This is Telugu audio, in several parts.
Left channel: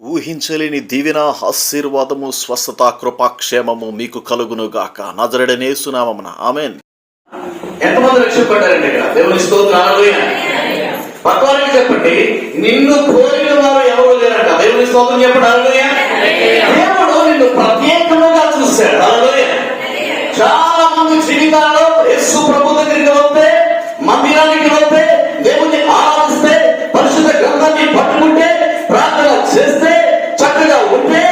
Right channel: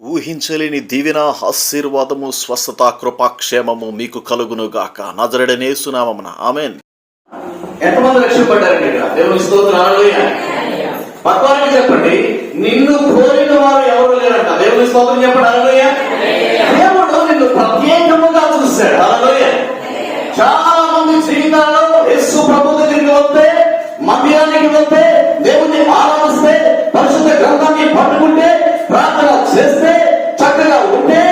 ఊహించలేని దీవెన, ఆశీర్వాదము, స్వస్థత, కృపాక్షేమము మీకు కలుగునుగాక. నజరేయుడైన యేసు నామమున ఆమేన్. ఎంతమంది రక్షింపబడ్డారండి ఇక్కడ? దేవుని స్తోత్రం. హల్లెలూయా. పక్కవారికి చెప్పండి, నిన్ను కోరిన వారు ఎవరు లేరంట. దేవుని స్తోత్రం చెప్పండి. హల్లెలూయా. దేవుడు నిన్ను ప్రత్యేకంగా చూశాడు. హల్లెలూయా. చాలా మంది జీవితాల్లో యేసు ప్రభు దగ్గరికి వస్తే, మందిరానికి వస్తే, దేవుని ఆరాధిస్తే, పరిశుద్ధ గ్రంథాన్ని పట్టుకుంటే, ప్రార్థన చేస్తే, చక్కగా ఉంటే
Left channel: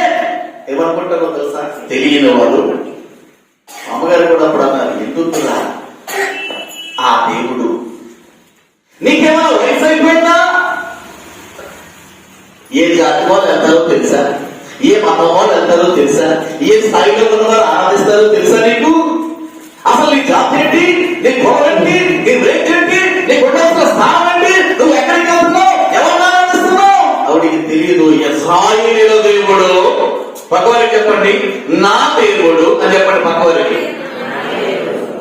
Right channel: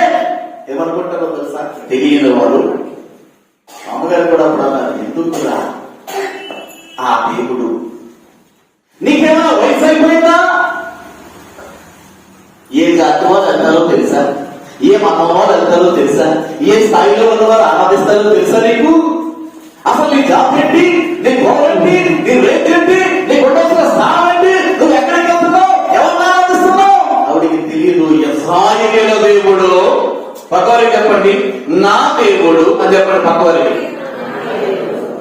ఏమనుకుంటారో తెలుసా? తెలియని వాళ్ళు. అమ్మగారు కూడా అప్పుడు అన్నారు, ఎందుకురా ఆ దేవుడు నీకేమో వయసు అయిపోయిందా? ఏ జాతి వాళ్ళు వెళ్తారో తెలుసా? ఏ మతం వాళ్ళు వెళ్తారో తెలుసా? ఏ స్థాయిలో ఉన్నవారు ఆరాధిస్తారో తెలుసా నీకు? అసలు నీ జాతి ఏంటి? నీ గొడవేంటి? నీ రేట్ ఏంటి? నీకు ఉండాల్సిన స్థానం ఏంటి? నువ్వు ఎక్కడికి వెళ్తున్నావు? ఎవరిని ఆరాధిస్తున్నావు? ఆవిడికి తెలియదు. ఇశ్రాయేలు దేవుడు. పక్కవారికి చెప్పండి, నా దేవుడు అని చెప్పండి. పక్కవారికి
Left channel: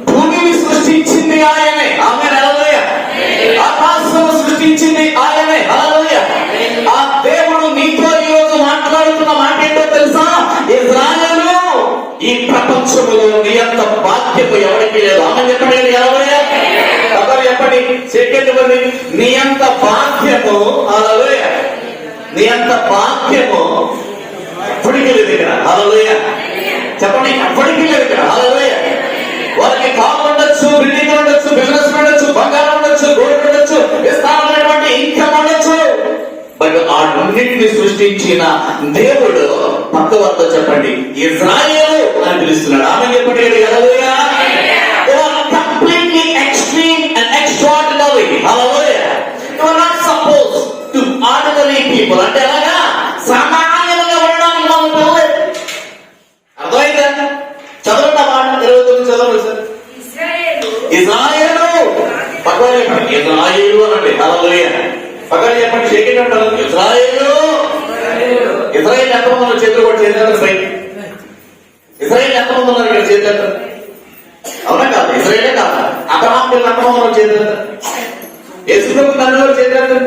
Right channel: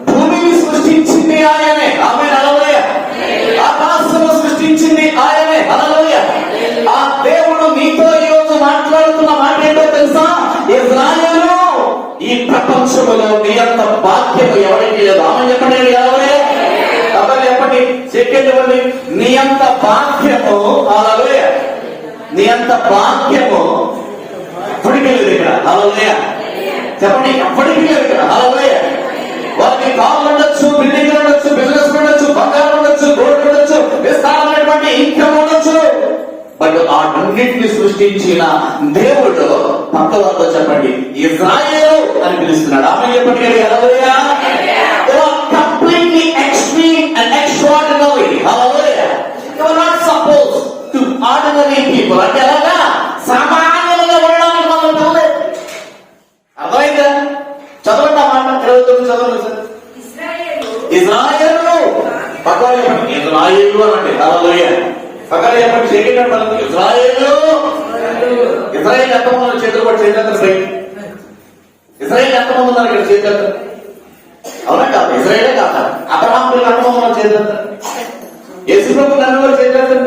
భూమిని సృష్టించింది ఆయనే. ఆమె హల్లెలూయా. ఆకాశము సృష్టించింది ఆయనే. హల్లెలూయా. ఆ దేవుడు నీతో ఈరోజు మాట్లాడుతున్న మాట ఏంటో తెలుసా? ఇశ్రాయేలు, ఈ ప్రపంచంలో నీ అంత బాధ్యత ఎవరికి లేదు. ఆమె చెప్పండి. హల్లెలూయా. పక్కన చెప్పండి, చెప్పండి, నీ అంత బాధ్యము. హల్లెలూయా. నీ అంత బాధ్యము ఎప్పటికీ లేదు ఇక్కడ. హల్లెలూయా. చెప్పండి, ఎప్పటికీ లేదు ఇక్కడ. హల్లెలూయా. వారికి కాళ్ళు ఉండొచ్చు, బిల్డింగ్ ఉండొచ్చు, బిజినెస్ ఉండొచ్చు, బంగారం ఉండొచ్చు, గోల్డ్ ఉండొచ్చు, విస్తారమైనటువంటి ఇన్కమ్ ఉండొచ్చు. బట్ ఆ రెండింటిని సృష్టించిన దేవుడు పక్క వద్ద చెప్పండి, ఇశ్రాయేలు అని పిలుస్తున్నాడు. ఆమె చెప్పండి. హల్లెలూయా. They are completely extreme and extraordinary. Hallelujah. They are not supposed to ordinary people. అంటే ఎలాగా? సామాన్యంగా ఉండడానికి మనం పిల్లలేదు. అర్థమైందా? చదవండి ఆ మాట. 29 చదవండి సార్. ఇశ్రాయేలు. పక్కన చెప్పండి, ఇశ్రాయేలు అనండి. హల్లెలూయా. పక్కన చెప్పండి, సెకండ్ అంటారు ఇశ్రాయేలు. ఇశ్రాయేల్ ఎంతమంది ఉన్నారు? చేతులు కూడా చేతులు సైడ్. ఇశ్రాయేల్ ఎంతమంది ఉన్నారు ఇక్కడ? చేతులు. అవునా కాదు? ఇశ్రాయేలే కాదు. అబ్రహాము ఎంతమంది ఉన్నారు? చేతులు. యేసుప్రభు తండ్రి చేతులు.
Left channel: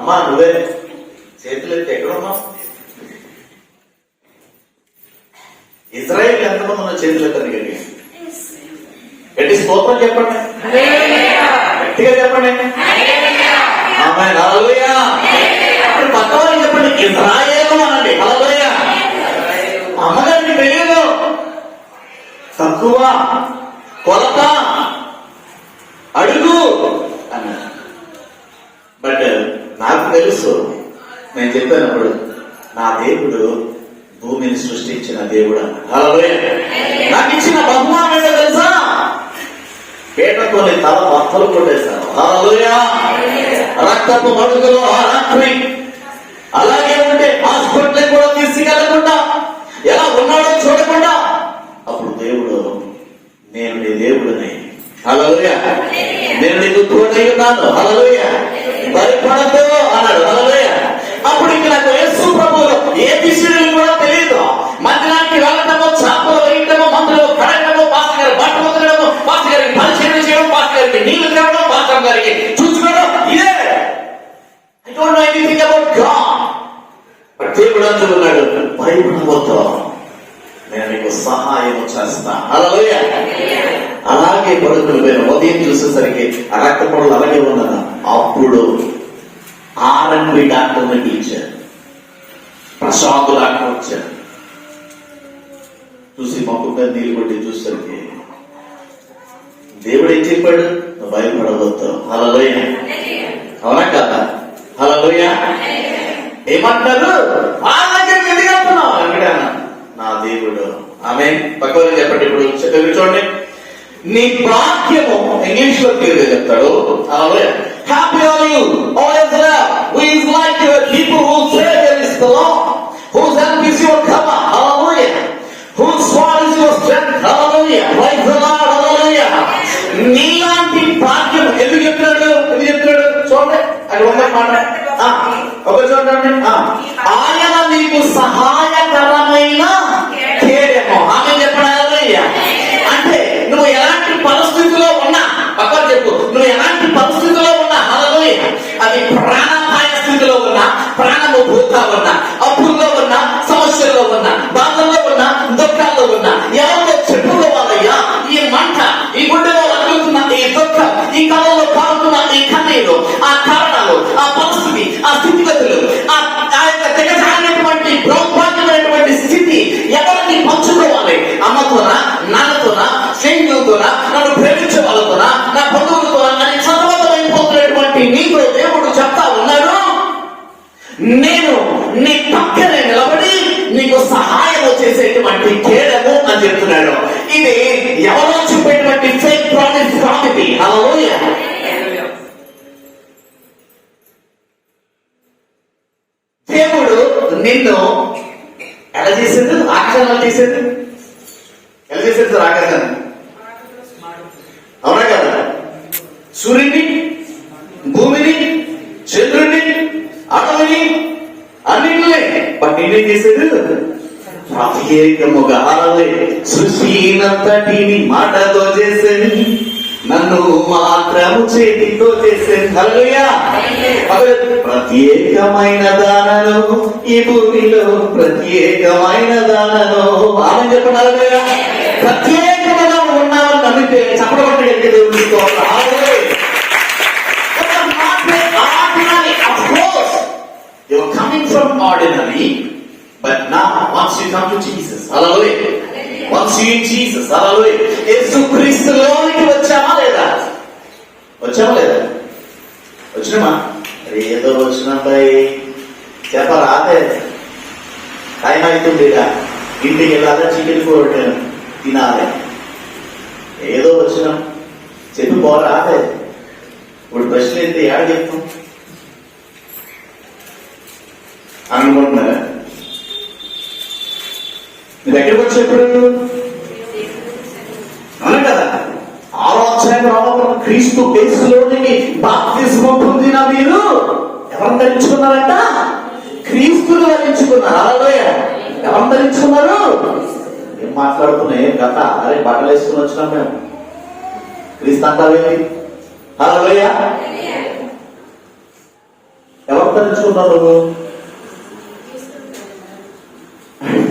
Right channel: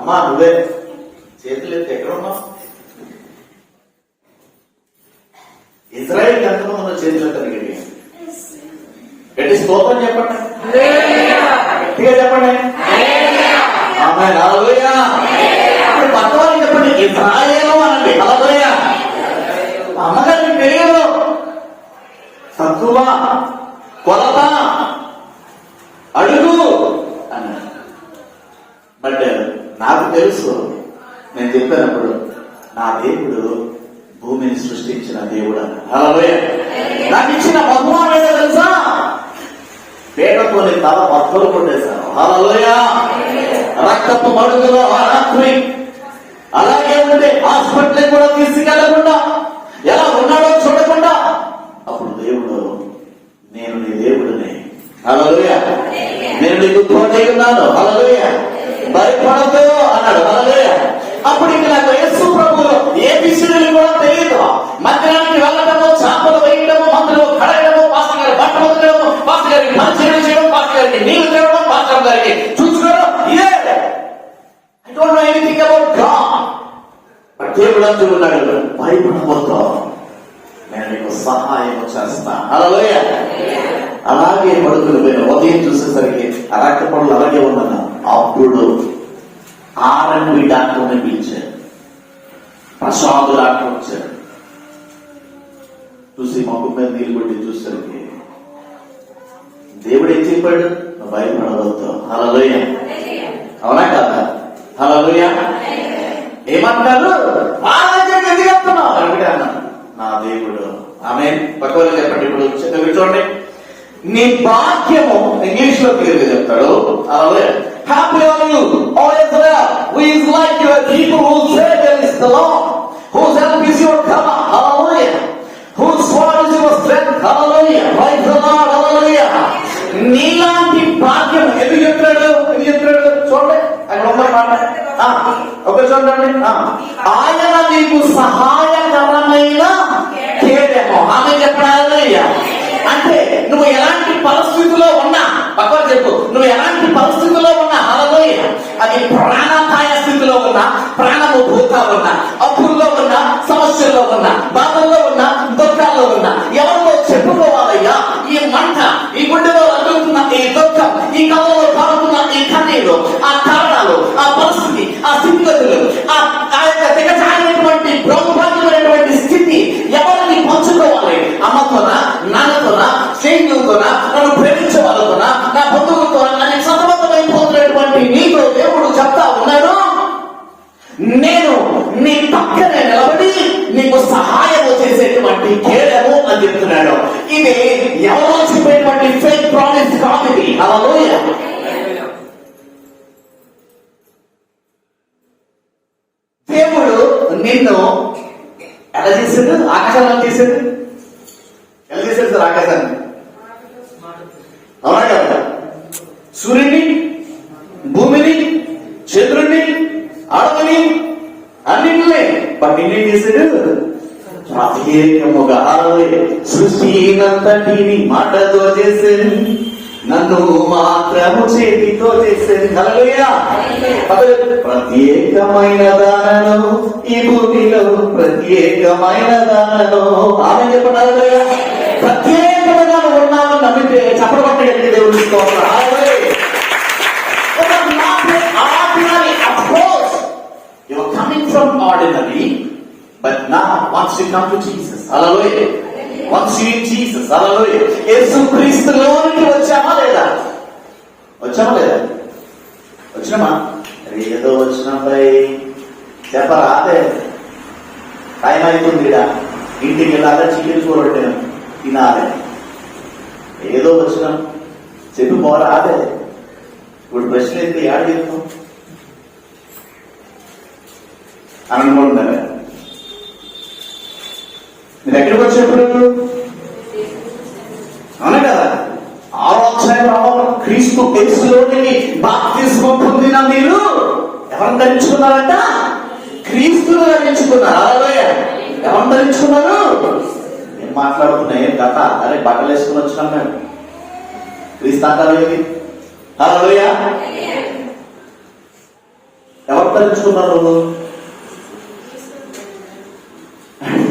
అమ్మా నువ్వే చేతులు ఎత్తి ఎక్కడున్నావు? ఇశ్రాయేల్ ఎంతమంది ఉన్నారు? చేతులు ఎత్తండి. గట్టి స్తోత్రం చెప్పండి. గట్టిగా చెప్పండి. ఆమేన్. హల్లెలూయా. ఇప్పుడు పక్కవారికి చెప్పండి, ఇశ్రాయేలు అనండి. హల్లెలూయా. అమ్మగారికి తెలియదు, తక్కువ, కొలత, అడుగు అన్నారు. బట్ నాకు తెలుసు, నేను చెప్పినప్పుడు నా దేవుడు భూమిని సృష్టించిన దేవుడు. హల్లెలూయా. నాకు ఇచ్చిన బహుమానం ఏంటో తెలుసా? పేటతోని తల బద్దలు కొట్టేశాను. హల్లెలూయా. రక్తపు మడుగులో ఆ రాత్రి అలాగే ఉంటే హాస్పిటల్ కూడా తీసుకెళ్లకుండా, ఎలా ఉన్నాడో చూడకుండా, అప్పుడు దేవుడు, నేను నీ దేవుడిని. హల్లెలూయా. నేను నీకు తోడై ఉన్నాను. హల్లెలూయా. భయపడదు అన్నాడు. హల్లెలూయా. అప్పుడు ఇంక నాకు యేసు ప్రభువులో ఏబిసిడీలు కూడా తెలియదు. మందిరానికి వెళ్ళడము, చేపలు వేయడము, మందులు కడగడము, పాస్టర్ గారు బట్ట వదలడము, పాస్టర్ గారికి పరిచయం చేయడం, పాస్టర్ గారికి నీళ్లు తేవడం, పాస్టర్ గారికి చూసుకోవడం, ఇదే. I don't know anything about God. But దేవుడు అంటున్నాడు, భయపడవద్దు, నేను నీకు సహాయం చేస్తా. హల్లెలూయా. అలాగే పడుకులు పోయిన ఉదయం చూసేసరికి రక్త పొడలు అలాగే ఉన్నదా. అప్పుడు R&B డాక్టర్ని పిలిచారు. ప్రసాద్ డాక్టర్ వచ్చారు. చూసి మొక్క మీద నీళ్ళు కొట్టి చూసరికి దేవుడు ఏం చెప్పాడు? నువ్వు భయపడవద్దు. హల్లెలూయా. అవునా కదా? హల్లెలూయా. ఏమంటారు? నా దేవుడు. ఆమె పక్కన చెప్పండి. ఇప్పుడు చూడండి, నీ భాగ్యము ఇంగ్లీష్ లో పేరు చెప్తాడు. హల్లెలూయా. Happy are you, O Israel, who is like your people, whose Savior is the Lord, whose help is your cover. Hallelujah. Whose sword is your strength. Hallelujah. Praise the Lord. Hallelujah. నీలాంటి భాగ్యం ఎందుకు చెప్తున్నాడు? ఎందుకు చెప్తున్నాడు? చూడండి, అది ఉండే మాట. ఒకటి చూడండి. ఆయన నీకు సహాయకరమైన కేడెమో. ఆమె చెప్పాలి. అంటే నువ్వు ఎలాంటి పరిస్థితిలో ఉన్నా, పక్కన చెప్పు, నువ్వు ఎలాంటి పరిస్థితిలో ఉన్నా, హల్లెలూయా, అది ప్రాణాపాయ స్థితిలో ఉన్నా, ప్రాణము నీకు సహాయం చేసేటువంటి కేడము అని చెప్తున్నాడు. ఇది ఎవరో చెప్పేటువంటి ఫేక్ ప్రామిస్ కాదు ఇది. హల్లెలూయా. దేవుడు నిన్ను ఎలా చేశాడు? ఆకాశాన్ని ఎలా చేశాడు? ఎలా చేశాడు సార్ ఆకాశాన్ని? అవునా కదా? సూర్యుని, భూమిని, చంద్రుడిని, అడవిని అన్నింటినీ బట్ ఏం చేశాడు? ప్రత్యేకముగా సృష్టినంతటిని మాటతో చేశాను, నన్ను మాత్రము చేతితో చేశాను. హల్లెలూయా. ప్రత్యేకమైన దానను ఈ భూమిలో, ప్రత్యేకమైన దానను ఆమె చెప్పినారు. ప్రత్యేకమైన ఉన్నామని నమ్మితే చెప్పబట్టి దేవుడి You're coming from ordinary, but now once you come to Jesus, hallelujah. Once you eat Jesus, hallelujah. యేసు క్రీస్తులోనికి వచ్చామా లేదా? వచ్చామా లేదా? వచ్చినామా? ఏదో వచ్చినాయి చెప్పరా? అదే టైం అవుతుంది, ఇంటికి వెళ్ళాలి, చికెన్ ఫుడ్ తినాలి. ఏదో వచ్చినాం చెప్పి పోరా? అదే ఇప్పుడు ప్రశ్న అయితే ఏడ చెప్తాం అని అనుకుంటున్నారా? మీరు ఎక్కడికి వచ్చినప్పుడు అవునా కదా? 6వ అధ్యాయం క్రీస్తు యేసులోనికి బాప్తిస్మం పొందిన మీరు ఎవరిని ధరించుకున్నారంట? క్రీస్తును ధరించుకున్నారు. హల్లెలూయా. ఎవరిని ధరించుకున్నారు? ఏం మాట్లాడుతున్నాయి కథ? అరే బట్టలు వేసుకుని వచ్చినాం మేము. క్రీస్తు అంటారేమి? హల్లెలూయా. ఎవరు ధరించుకున్నారు?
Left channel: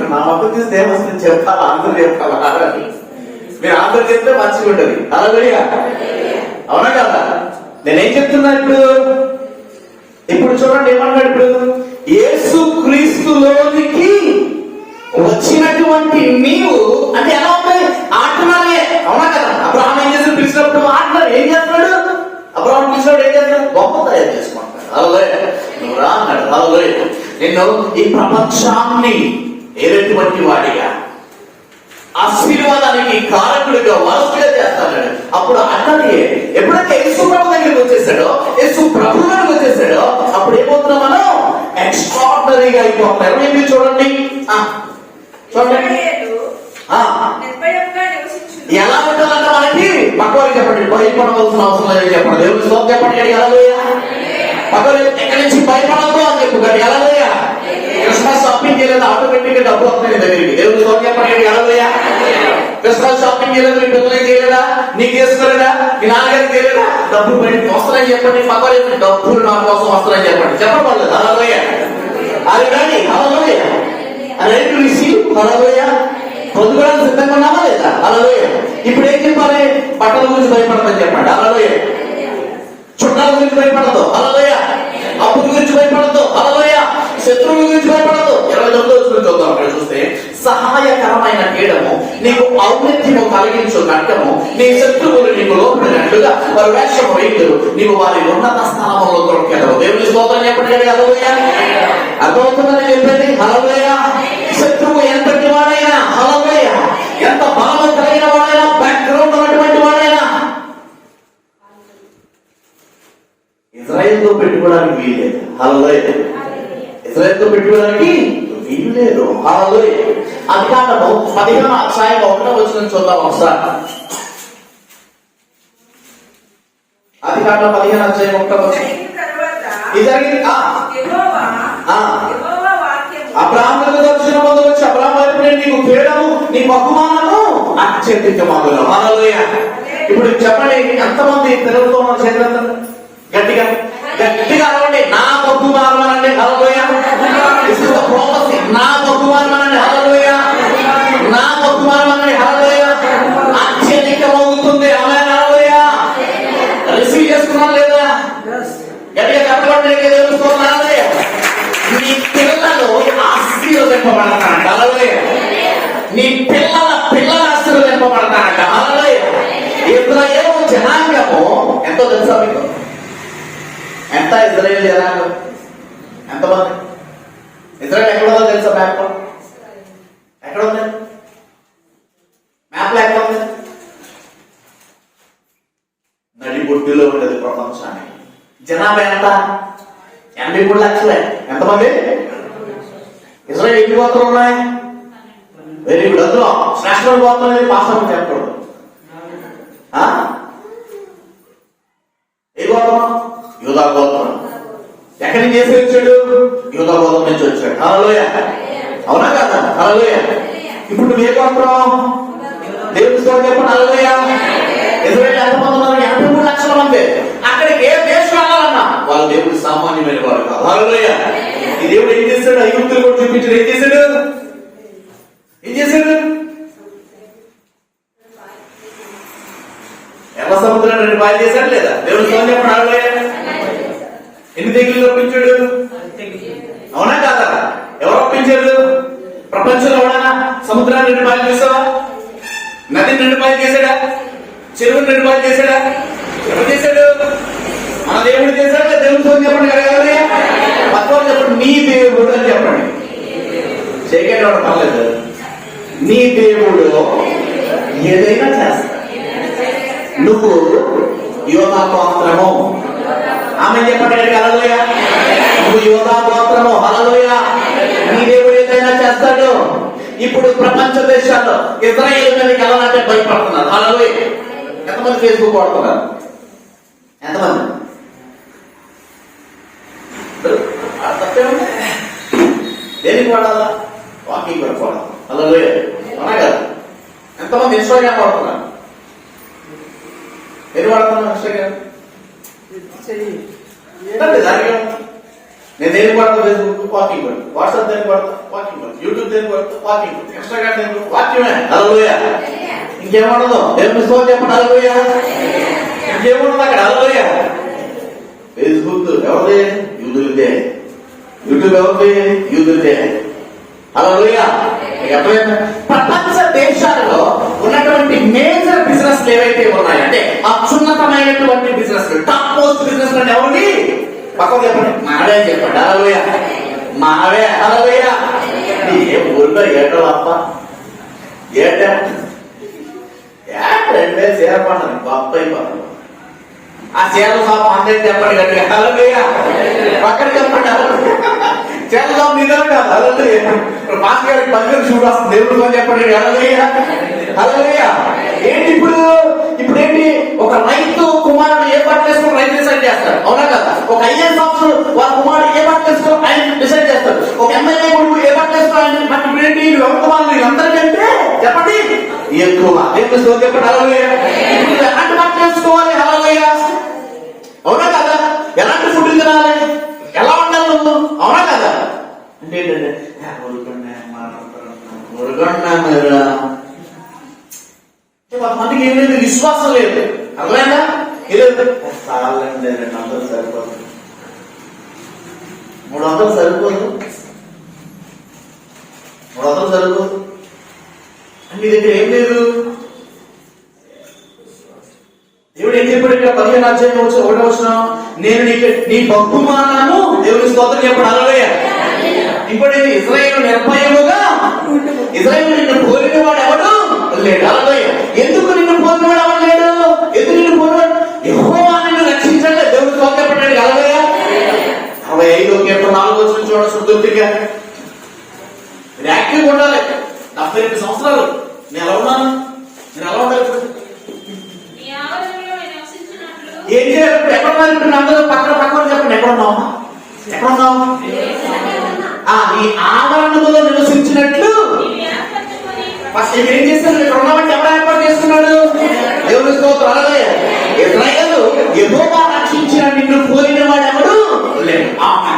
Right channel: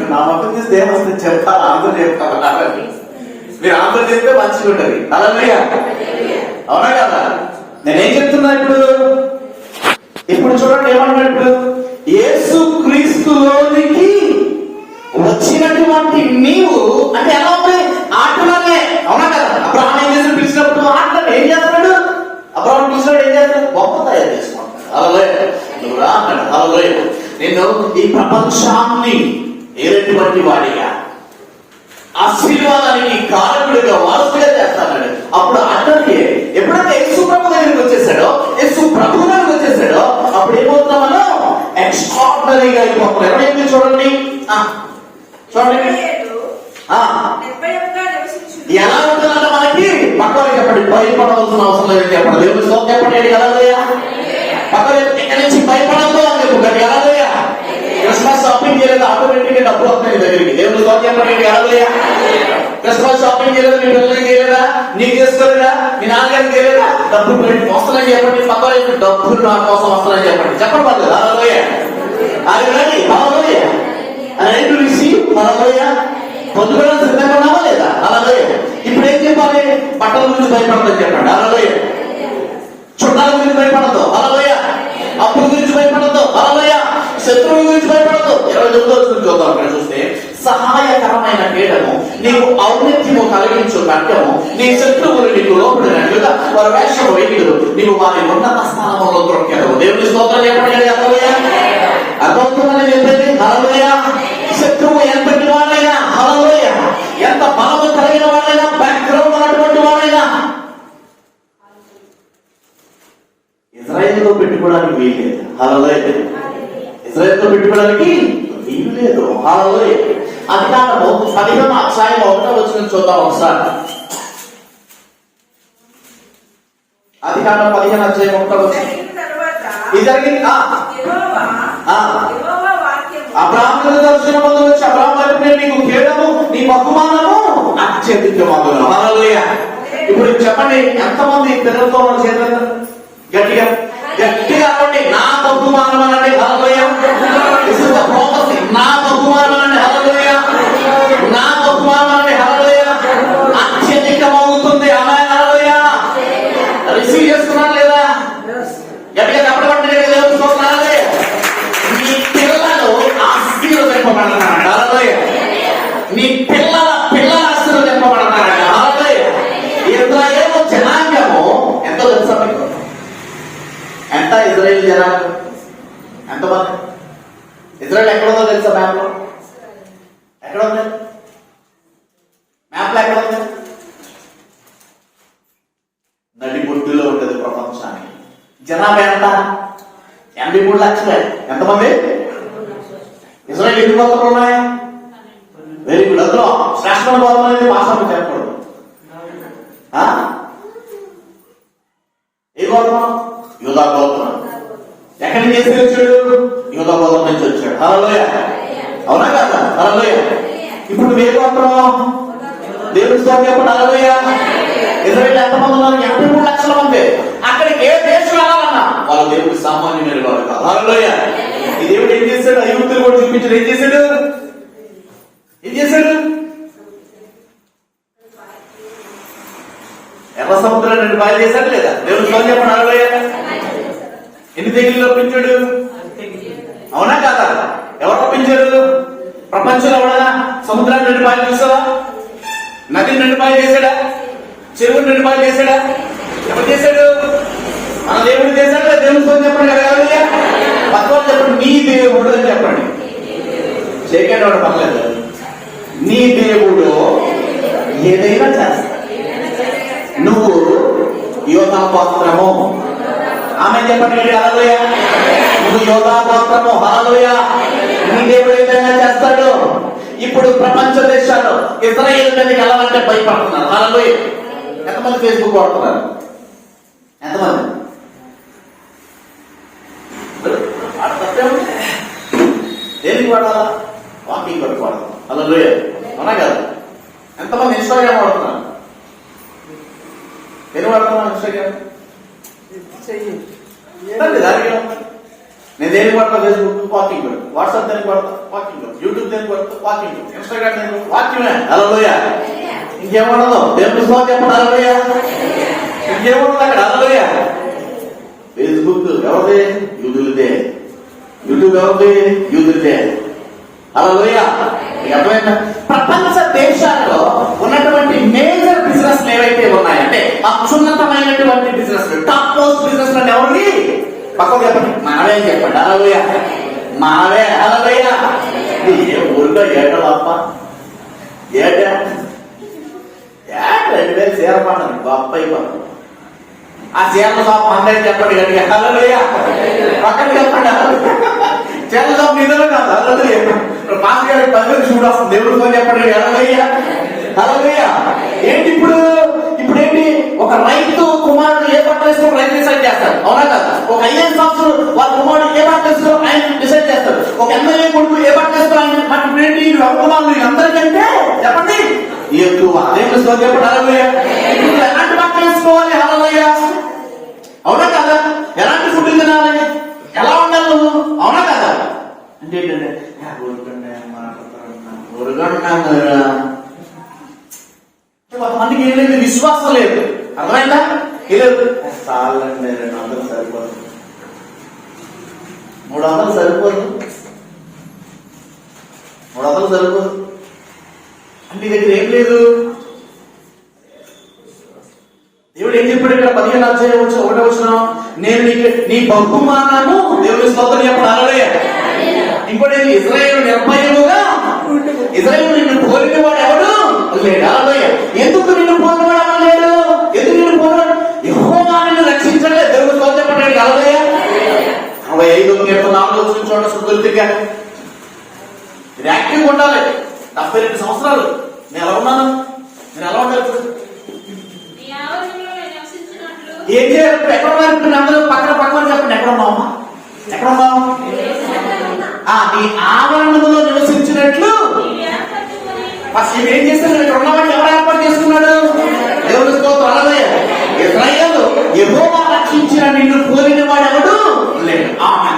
నా మొత్తం తీస్తే ఏమొస్తుంది చెప్తాను, అందరూ చెప్తాను. మీరు అందరూ చెప్తే మంచిగా ఉంటుంది. హల్లెలూయా. అవునా కదా? నేనేం చెప్తున్నా ఇప్పుడు చూడండి ఏమన్నాడు? యేసు క్రీస్తులోనికి వచ్చినటువంటి నీవు అంటే ఎలా ఉంది? ఆటలానే. అవునా కదా? అబ్రహాం ఏం చేసి పిలిచినప్పుడు ఆటలు ఏం చేస్తున్నాడు? అబ్రహాం పిలిచినప్పుడు ఏం చేస్తున్నాడు? బొమ్మ తయారు చేసుకుంటాడు. హల్లెలూయా. నువ్వు రా అన్నాడు. హల్లెలూయా. నేను ఈ ప్రపంచాన్ని ఏటువంటి వాడిగా, ఆశీర్వాదానికి కారకుడిగా, వారసుడిగా చేస్తాడు. అప్పుడు అతనికి ఎప్పుడైతే యేసు ప్రభు దగ్గరికి వచ్చేసాడో, యేసు ప్రభు దగ్గరికి వచ్చేసాడో, అప్పుడు ఏమవుతున్నాం మనం? ఎక్స్ట్రాడినరీగా అయిపోతాం. ఏమైంది చూడండి, చూడండి ఎలా ఉండాలంటే మనకి పక్కవారికి చెప్పండి, భయపడవలసిన అవసరం లేదని చెప్పండి. దేవుని స్తోత్రం చెప్పండి. హల్లెలూయా. పక్కన ఎక్కడి నుంచి భయపడద్దు అని చెప్పుకోండి. హల్లెలూయా. క్రిస్మస్ షాపింగ్ చేయలేదు, ఆటోమేటిక్ గా డబ్బులు వస్తాయి దగ్గరికి. దేవుని స్తోత్రం చెప్పండి. హల్లెలూయా. క్రిస్మస్ షాపింగ్ చేయలేదు, మీ పిల్లలకి చేయలేదా, నీకు చేసుకోలేదా, మీ నాన్నగారికి చేయలేదా, డబ్బులు వస్తున్నాయని చెప్పండి. పక్కన డబ్బులు నా కోసం వస్తున్నాయని చెప్పండి. చెప్పబడలేదు. హల్లెలూయా. అది రండి. Hallelujah. Right to receive. Hallelujah. పొందుకోవడానికి సిద్ధంగా ఉన్నామా లేదా? హల్లెలూయా. ఇప్పుడు ఏం చెప్పాలి? బట్టల గురించి భయపడదని చెప్పండి. హల్లెలూయా. చుట్టాల గురించి భయపడదు. హల్లెలూయా. అప్పుల గురించి భయపడదు. హల్లెలూయా. శత్రువుల గురించి భయపడదు. 29వ గురించి చూద్దాం. అక్కడ చూస్తే సహాయకరమైన కేడము నీకు ఔన్నత్యము కలిగించు గంటము, నీ శత్రువులు నీకు లోపడినట్లుగా వారి వేషము వేయుదురు, నీవు వారి ఉన్నత స్థానంలో దొరికెదవు. దేవుని స్తోత్రం చెప్పండి. హల్లెలూయా. అర్థమవుతుందని చెప్పేది. హల్లెలూయా. శత్రువు ఎంతటి వాడైనా, హల్లెలూయా, ఎంత బలము కలిగిన వాడైనా, బ్యాక్గ్రౌండ్ ఉన్నటువంటి వాడైనా ఇజ్రాయెల్తో పెట్టుకోవడానికి వీల్లేదు. హల్లెలూయా. ఇజ్రాయెల్తో పెట్టుకోవడానికి వీలు లేదు. హల్లెలూయా. అధికారము 15వ అధ్యాయం 1వ వచనం చూద్దాం ఒకసారి. అధికారం 15వ అధ్యాయం 1వ వచనం. ఇది జరిగింది. అబ్రహాము దర్శనం పొంది వచ్చి అబ్రహాము వైపు నేను నీకు కేడము, నీ బహుమానము అత్యధికమగును. హల్లెలూయా. ఇప్పుడు చెప్పండి, ఎంతమంది పిల్లలతో చేతులు గట్టిగా గట్టిగా అవ్వండి. నా బహుమానం అనండి. హల్లెలూయా. నా బహుమానం అనండి. హల్లెలూయా. నా బహుమానం అనండి. హల్లెలూయా. అత్యధికమవుతుంది. ఆమేన్. హల్లెలూయా. రిసీవ్ చేసుకున్నాను లేదా? గట్టిగా చెప్పండి. హల్లెలూయా. నీ పిల్లలు ఆశీర్వదింపబడతారంట. హల్లెలూయా. నీ పిల్లల ఆశీర్వదింపబడతారంట. హల్లెలూయా. ఇశ్రాయేలు జనాంగము ఎంతో తెలుసా మీకు? ఎంత ఇజ్రాయేల్ జనాంగం? ఎంతమంది? ఇజ్రాయేల్ ఎక్కడో తెలుసా? మ్యాప్ లో ఎక్కడ ఉంది? మ్యాప్లో ఎక్కడ ఉంది? నడిబొడ్డులో ఉండేది ప్రపంచాన్ని. జనాభా ఎంత? 83 లక్షలే. ఎంతమంది? ఇజ్రాయెల్ ఎన్ని గోత్రాలు ఉన్నాయి? Very good. అందులో శ్రేష్టమైన గోత్రం అనేది పాస్టర్ చెప్పకూడదు. ఏ గోత్రం? యూదా గోత్రం. ఎక్కడి నుంచి చేసి వచ్చాడు? యూదా గోత్రం నుంచి వచ్చాడు. హల్లెలూయా. అవునా కాదా? హల్లెలూయా. ఇప్పుడు నువ్వు ఏ గోత్రం? దేవుని స్తోత్రం చెప్పండి. హల్లెలూయా. ఇజ్రాయెల్ ఎంతమంది ఉన్నారు? 83 లక్షల మంది. అక్కడికి ఏ దేశం వెళ్ళాలన్నా వాళ్ళ దేవుడు సామాన్యమైన వాడు కాదు. హల్లెలూయా. ఈ దేవుడు ఏం చేశాడు? ఐగుప్తులు కూడా చూపించాడు. ఏం చేశాడు? ఎర్ర సముద్రం 2 పాయలు చేశాడు లేదా? దేవుడు స్తోత్రం చెప్పండి. హల్లెలూయా. ఎన్ని తెగులు రప్పించాడు? అవునా కాదా? ఎవరు రప్పించారు? ప్రపంచంలో ఎవడా సముద్రాన్ని 2 పాయలు చేశాడా? నదిని 2 పాయలు చేశాడా? చెరువుని 2 పాయలు చేశాడా? ఎవరు చేశాడు? మన దేవుడు చేశాడా? దేవుని స్తోత్రం చెప్పండి. పక్కన చెప్పండి. నీ దేవుడు అని చెప్పండి. చేయకేటవాడు పర్లేదు. నీ దేవుడు ఏదైనా చేస్తా. నువ్వు యోధా గోత్రము. ఆమె చెప్పండి. హల్లెలూయా. నువ్వు యోధా గోత్రము. హల్లెలూయా. నీ దేవుడు ఏదైనా చేస్తాడు. ఇప్పుడు ప్రపంచ దేశాలు ఇజ్రాయేల్ మీదకి వెళ్ళాలంటే భయపడుతున్నారు. హల్లెలూయా. ఎంతమంది ఫేస్బుక్ వాడుతున్నారు? ఎంతమంది? దేనికి వాడాలా? వాకింగ్ పడుకోవడం. హల్లెలూయా. అవునా కదా? ఎంతమంది ఇన్స్టాగ్రామ్ వాడుతున్నారు? ఏం వాడుతున్నా? ఇన్స్టాగ్రామ్ నేను దేనికి వాడతా? ఫేస్బుక్ వాకింగ్, వాట్సాప్ దేనికి వాడతా? వాకింగ్, యూట్యూబ్ దేనికి వాడతా? వాకింగ్, ఇన్స్టాగ్రామ్ దేనికి వాకింగ్. హల్లెలూయా. ఇంకేమఉండదు. దేవుని స్తోత్రం చెప్పండి. హల్లెలూయా. ఇంకేముండదు అక్కడ. హల్లెలూయా. ఫేస్బుక్ ఎవరిదే? యూదులదే. యూట్యూబ్ ఎవరిదే? యూదులదే. హల్లెలూయా. అర్థమైందా? ప్రపంచ దేశాల్లో ఉన్నటువంటి మేజర్ బిజినెస్ ఏవైతే ఉన్నాయంటే అత్యున్నతమైనటువంటి బిజినెస్, టాప్ మోస్ట్ బిజినెస్ ఎవరిని? పక్కకు చెప్పండి. మనవే చెప్పండి. హల్లెలూయా. మనవే. హల్లెలూయా. ఏ ఊరిలో ఏటో అప్ప ఏట రెండే చీర పండుగ గొప్ప అయిపోతుంది. ఆ చీరల షాప్ అందరికి చెప్పండి గట్టిగా. హల్లెలూయా. పక్కన చెప్పండి. చీరల షాప్ నిజమే కాదు. హల్లెలూయా. మాస్టర్ గారికి 10 వేలు చూడు వస్తుంది. దేవుడితో చెప్పండి. హల్లెలూయా. హల్లెలూయా. ఏంటి ఇప్పుడు ఏంటి? ఒక రైతు కుమారుడు ఏ బట్టలు వేసుకుని రైతు డిసైడ్ చేస్తాడు. అవునా కదా? ఒక ఐఏఎస్ ఆఫీసర్ వాళ్ళ కుమారుడు ఏ బట్టలు వేసుకుని ఆయన డిసైడ్ చేస్తాడు. ఒక ఎమ్మెల్యే కొడుకు ఏ బట్టలు వేసుకుని ఆయన ఇప్పుడు ఏంటి? కుమారులు అందరికంటే చెప్పండి ఎక్కువ. దేవుని స్తోత్రం చెప్పండి. హల్లెలూయా. ఇప్పుడు ఎలాంటి బట్టలు వేసుకోవాలి? హల్లెలూయా. అవునా కదా? ఎలాంటి ఫుడ్ తినాలి? ఎలా ఉండాలి నువ్వు? అవునా కదా? అంటే ఏంటంటే కొంతమందికి ఏం లేదు, విశ్వాసం లేదు. అర్థమైందా? లేదు. చాలండి 200 సరిపోదు, 300 సరిపోదు, 300 సరిపోదు. మీ దగ్గర ఏం లేదు. దేవుడు ఏం చెప్పాడు ఇక్కడ? 15వ అధ్యాయం 1వ వచనం, నేను నీ బహుమానము. దేవుని స్తోత్రం చెప్పండి. హల్లెలూయా. ఇంకోటి ఇజ్రాయేలు నిర్భయముగా, ఇజ్రాయేలు నిన్ను పోలిన వాడు ఎవడు లేడు. హల్లెలూయా. ఎందుకు నిన్ను పోలిన వాడు ఎవడు లేడు? ఎందుకు నిన్ను పోలిన? యెహోవా నిన్ను రక్షించలే. దేవుని స్తోత్రం చెప్పండి. హల్లెలూయా. 65వ కీర్తన 4వ వచనం చూడండి. శుద్ధుడిగా మీరు యాక్టివ్గా ఉండాలి. 72 సంవత్సరాలు నేను ఎలా ఉన్నాను? నేను ఎలా ఉండాలి? ఏం చేయాలి? ఎక్కడ ఉన్నారు? అందరూ పక్కన చెప్పండి. ఎక్కడ ఉన్నావు? ఎక్కడ ఉన్నావు? నీ ఆవరణలో నివసించినట్లు ఫస్ట్ ఏం చేస్తున్నాడు? ఇక్కడ ఉన్నామంటే ఎవరు ఏర్పాటు చేస్తున్నాడు? దేవుని స్తోత్రం. హల్లెలూయా. ఇశ్రాయేలు యెహోవా రక్షించిన నిన్ను పోలిన వాడు ఎవడు లేడు.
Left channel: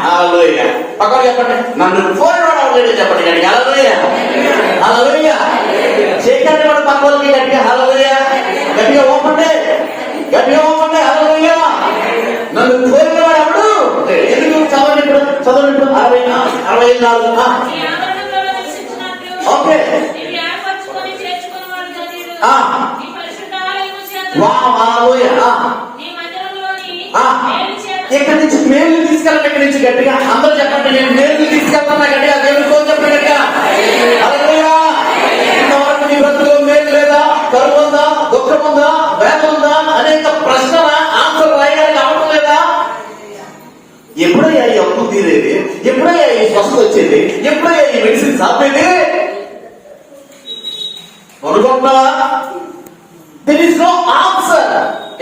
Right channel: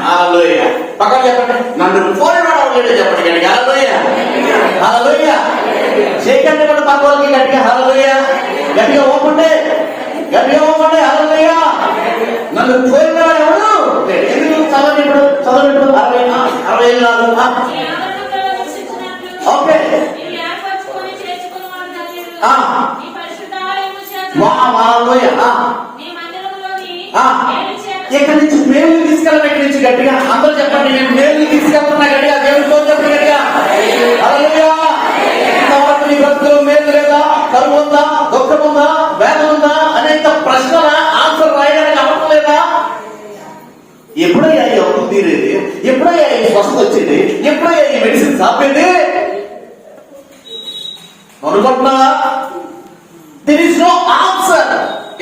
హల్లెలూయా. పక్కన చెప్పండి. నన్ను పోలిన వాడు లేడు చెప్పండి. హల్లెలూయా. హల్లెలూయా. చేయకండి వాడు పక్క వాళ్ళకి గట్టిగా. హల్లెలూయా. గట్టిగా ఓపండి. గట్టిగా ఓపండి. హల్లెలూయా. నన్ను పోలిన వాడు ఎవడు లేడు. ఎందుకు? చదవండి. ఇప్పుడు 64 ఓకే. ఇక్కడి నుంచి మేలు తీసుకెళ్ళాలి. ఇక్కడి నుంచి గట్టిగా అందరూ చెప్పండి. నేను మేలు తీసుకెళ్తున్నా గట్టిగా. దేవుని స్తోత్రం గట్టిగా. హల్లెలూయా. అనుకుంటున్నావా? There is no answer.